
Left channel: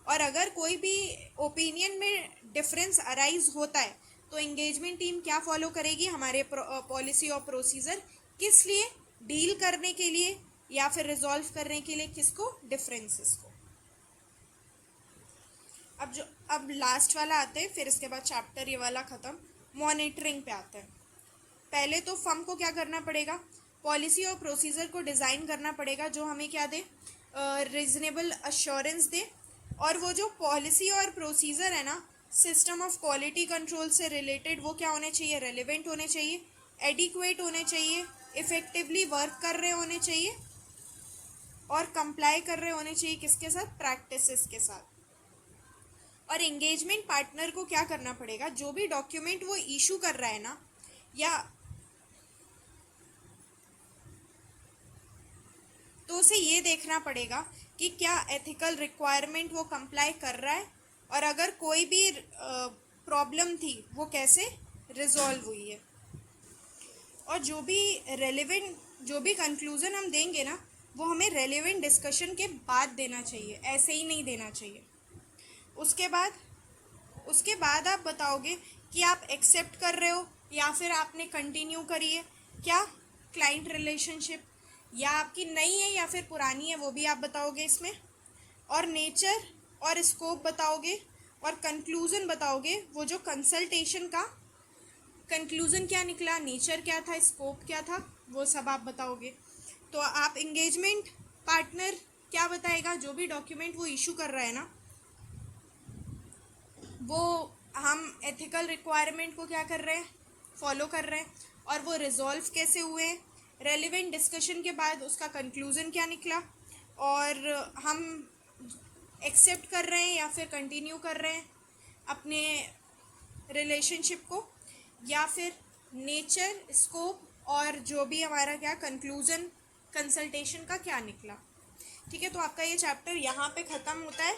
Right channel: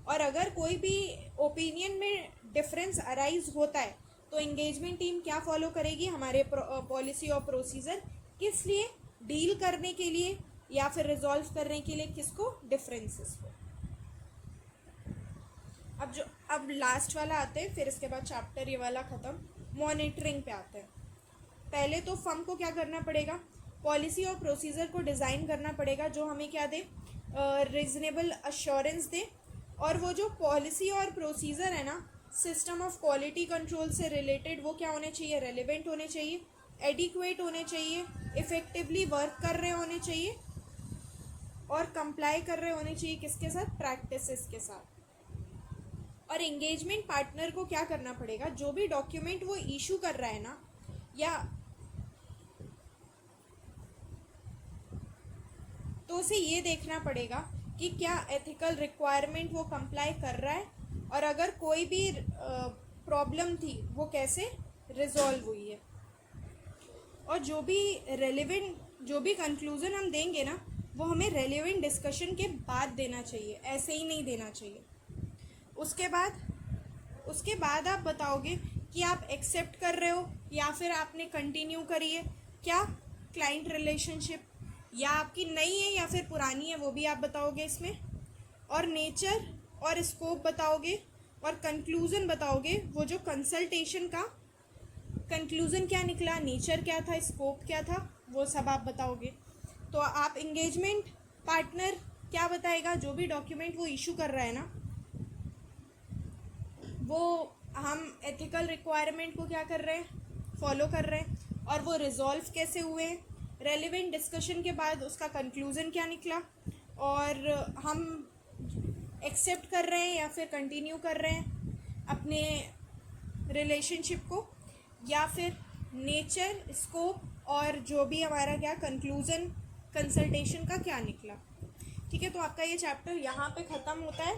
और अगर कोई भी ओपिनियन में डिफरेंस अराइज होता है तो एंगेजमेंट टीम क्या फॉलो करेगी, हमारे पॉलिसी और प्रोसीजर, किस लिए, डील करने के लिए या फिर रिजॉल्व करने के लिए किसको, डिफरेंसेस को। अब लास्ट वाला आते हैं, फिर इसके बाद चैप्टर ये वाला ख़त्म, मॉनिटरिंग पे आते हैं। पहले तो फर्म को क्या करना पड़ेगा, पॉलिसी और प्रोसीजर को डिज़ाइन करना पड़ेगा जो हमें क्या दे, रीजनेबल अश्योरेंस दे। और वो जो पॉलिसी और प्रोसीजर है ना, सिस्टम ऑफ क्वालिटी कंट्रोल से रिलेटेड, वो क्या होने चाहिए, रेलिवेंट होने चाहिए, एडिक्वेट होने चाहिए, इफ़ेक्टिवली वर्क कर रहे होने चाहिए, और कंप्लाई कर रहे होने चाहिए किसके साथ, प्रैक्टिसेस के साथ। और एंगेजमेंट पार्टनर को क्या करना पड़ेगा, जो भी डॉक्यूमेंट वो इशू कर रहा है ना, या तो उसे ये देखना पड़ेगा कि क्या एथिकल रिक्वायरमेंट वो कंप्लाई कर रहा है, और अगर कोई भी प्रॉब्लम थी वो कैसे रिजॉल्व हुई है। और जो भी रेलेवेंट, जो भी कंक्लूज़न हम देंगे ना, वो हमें रेलेवेंट डिस्कशन के बाद देना चाहिए, ऐसे ही नहीं देना चाहिए। उसके बाद आप बताओगे कि आप एक्सेप्ट कर रहे हो या फिर आपने कंटिन्यू करी है, क्या क्लाइंट रिलेशनशिप या आपकी नई है या फिर पुरानी है, वो भी आप बताओगे इसमें। और नेचर और स्कोप बताओगे, और कंक्लूज़न बताओगे, वो जो कंसल्टेशन का कंक्लूज़न क्या निकला, नेचर क्या था, स्कोप क्या था, वो सब आप बताओगे। तो आप एंगेजमेंट पार्टनर क्या बताएगा, जो भी डॉक्यूमेंट वो इशू कर रहा है ना, वो हम एथिकल रिक्वायरमेंट को क्या कर रहे हैं, फॉलो कर रहे हैं, और वो रिजॉल्व कैसे हुए हैं, रेलिवेंट डिस्कशन के बाद उसका कंक्लूज़न क्या निकला, और हम एक्सेप्ट कर रहे हैं या फिर कंटिन्यू कर रहे हैं अपने रिलेशनशिप को, या फिर नेचर, स्कोप, और जो भी हमारा क्या कंक्लूज़न कंसल्टेशन का क्या निकला। ठीक है, तो आपका ये चैप्टर यहाँ पे ख़त्म होता है।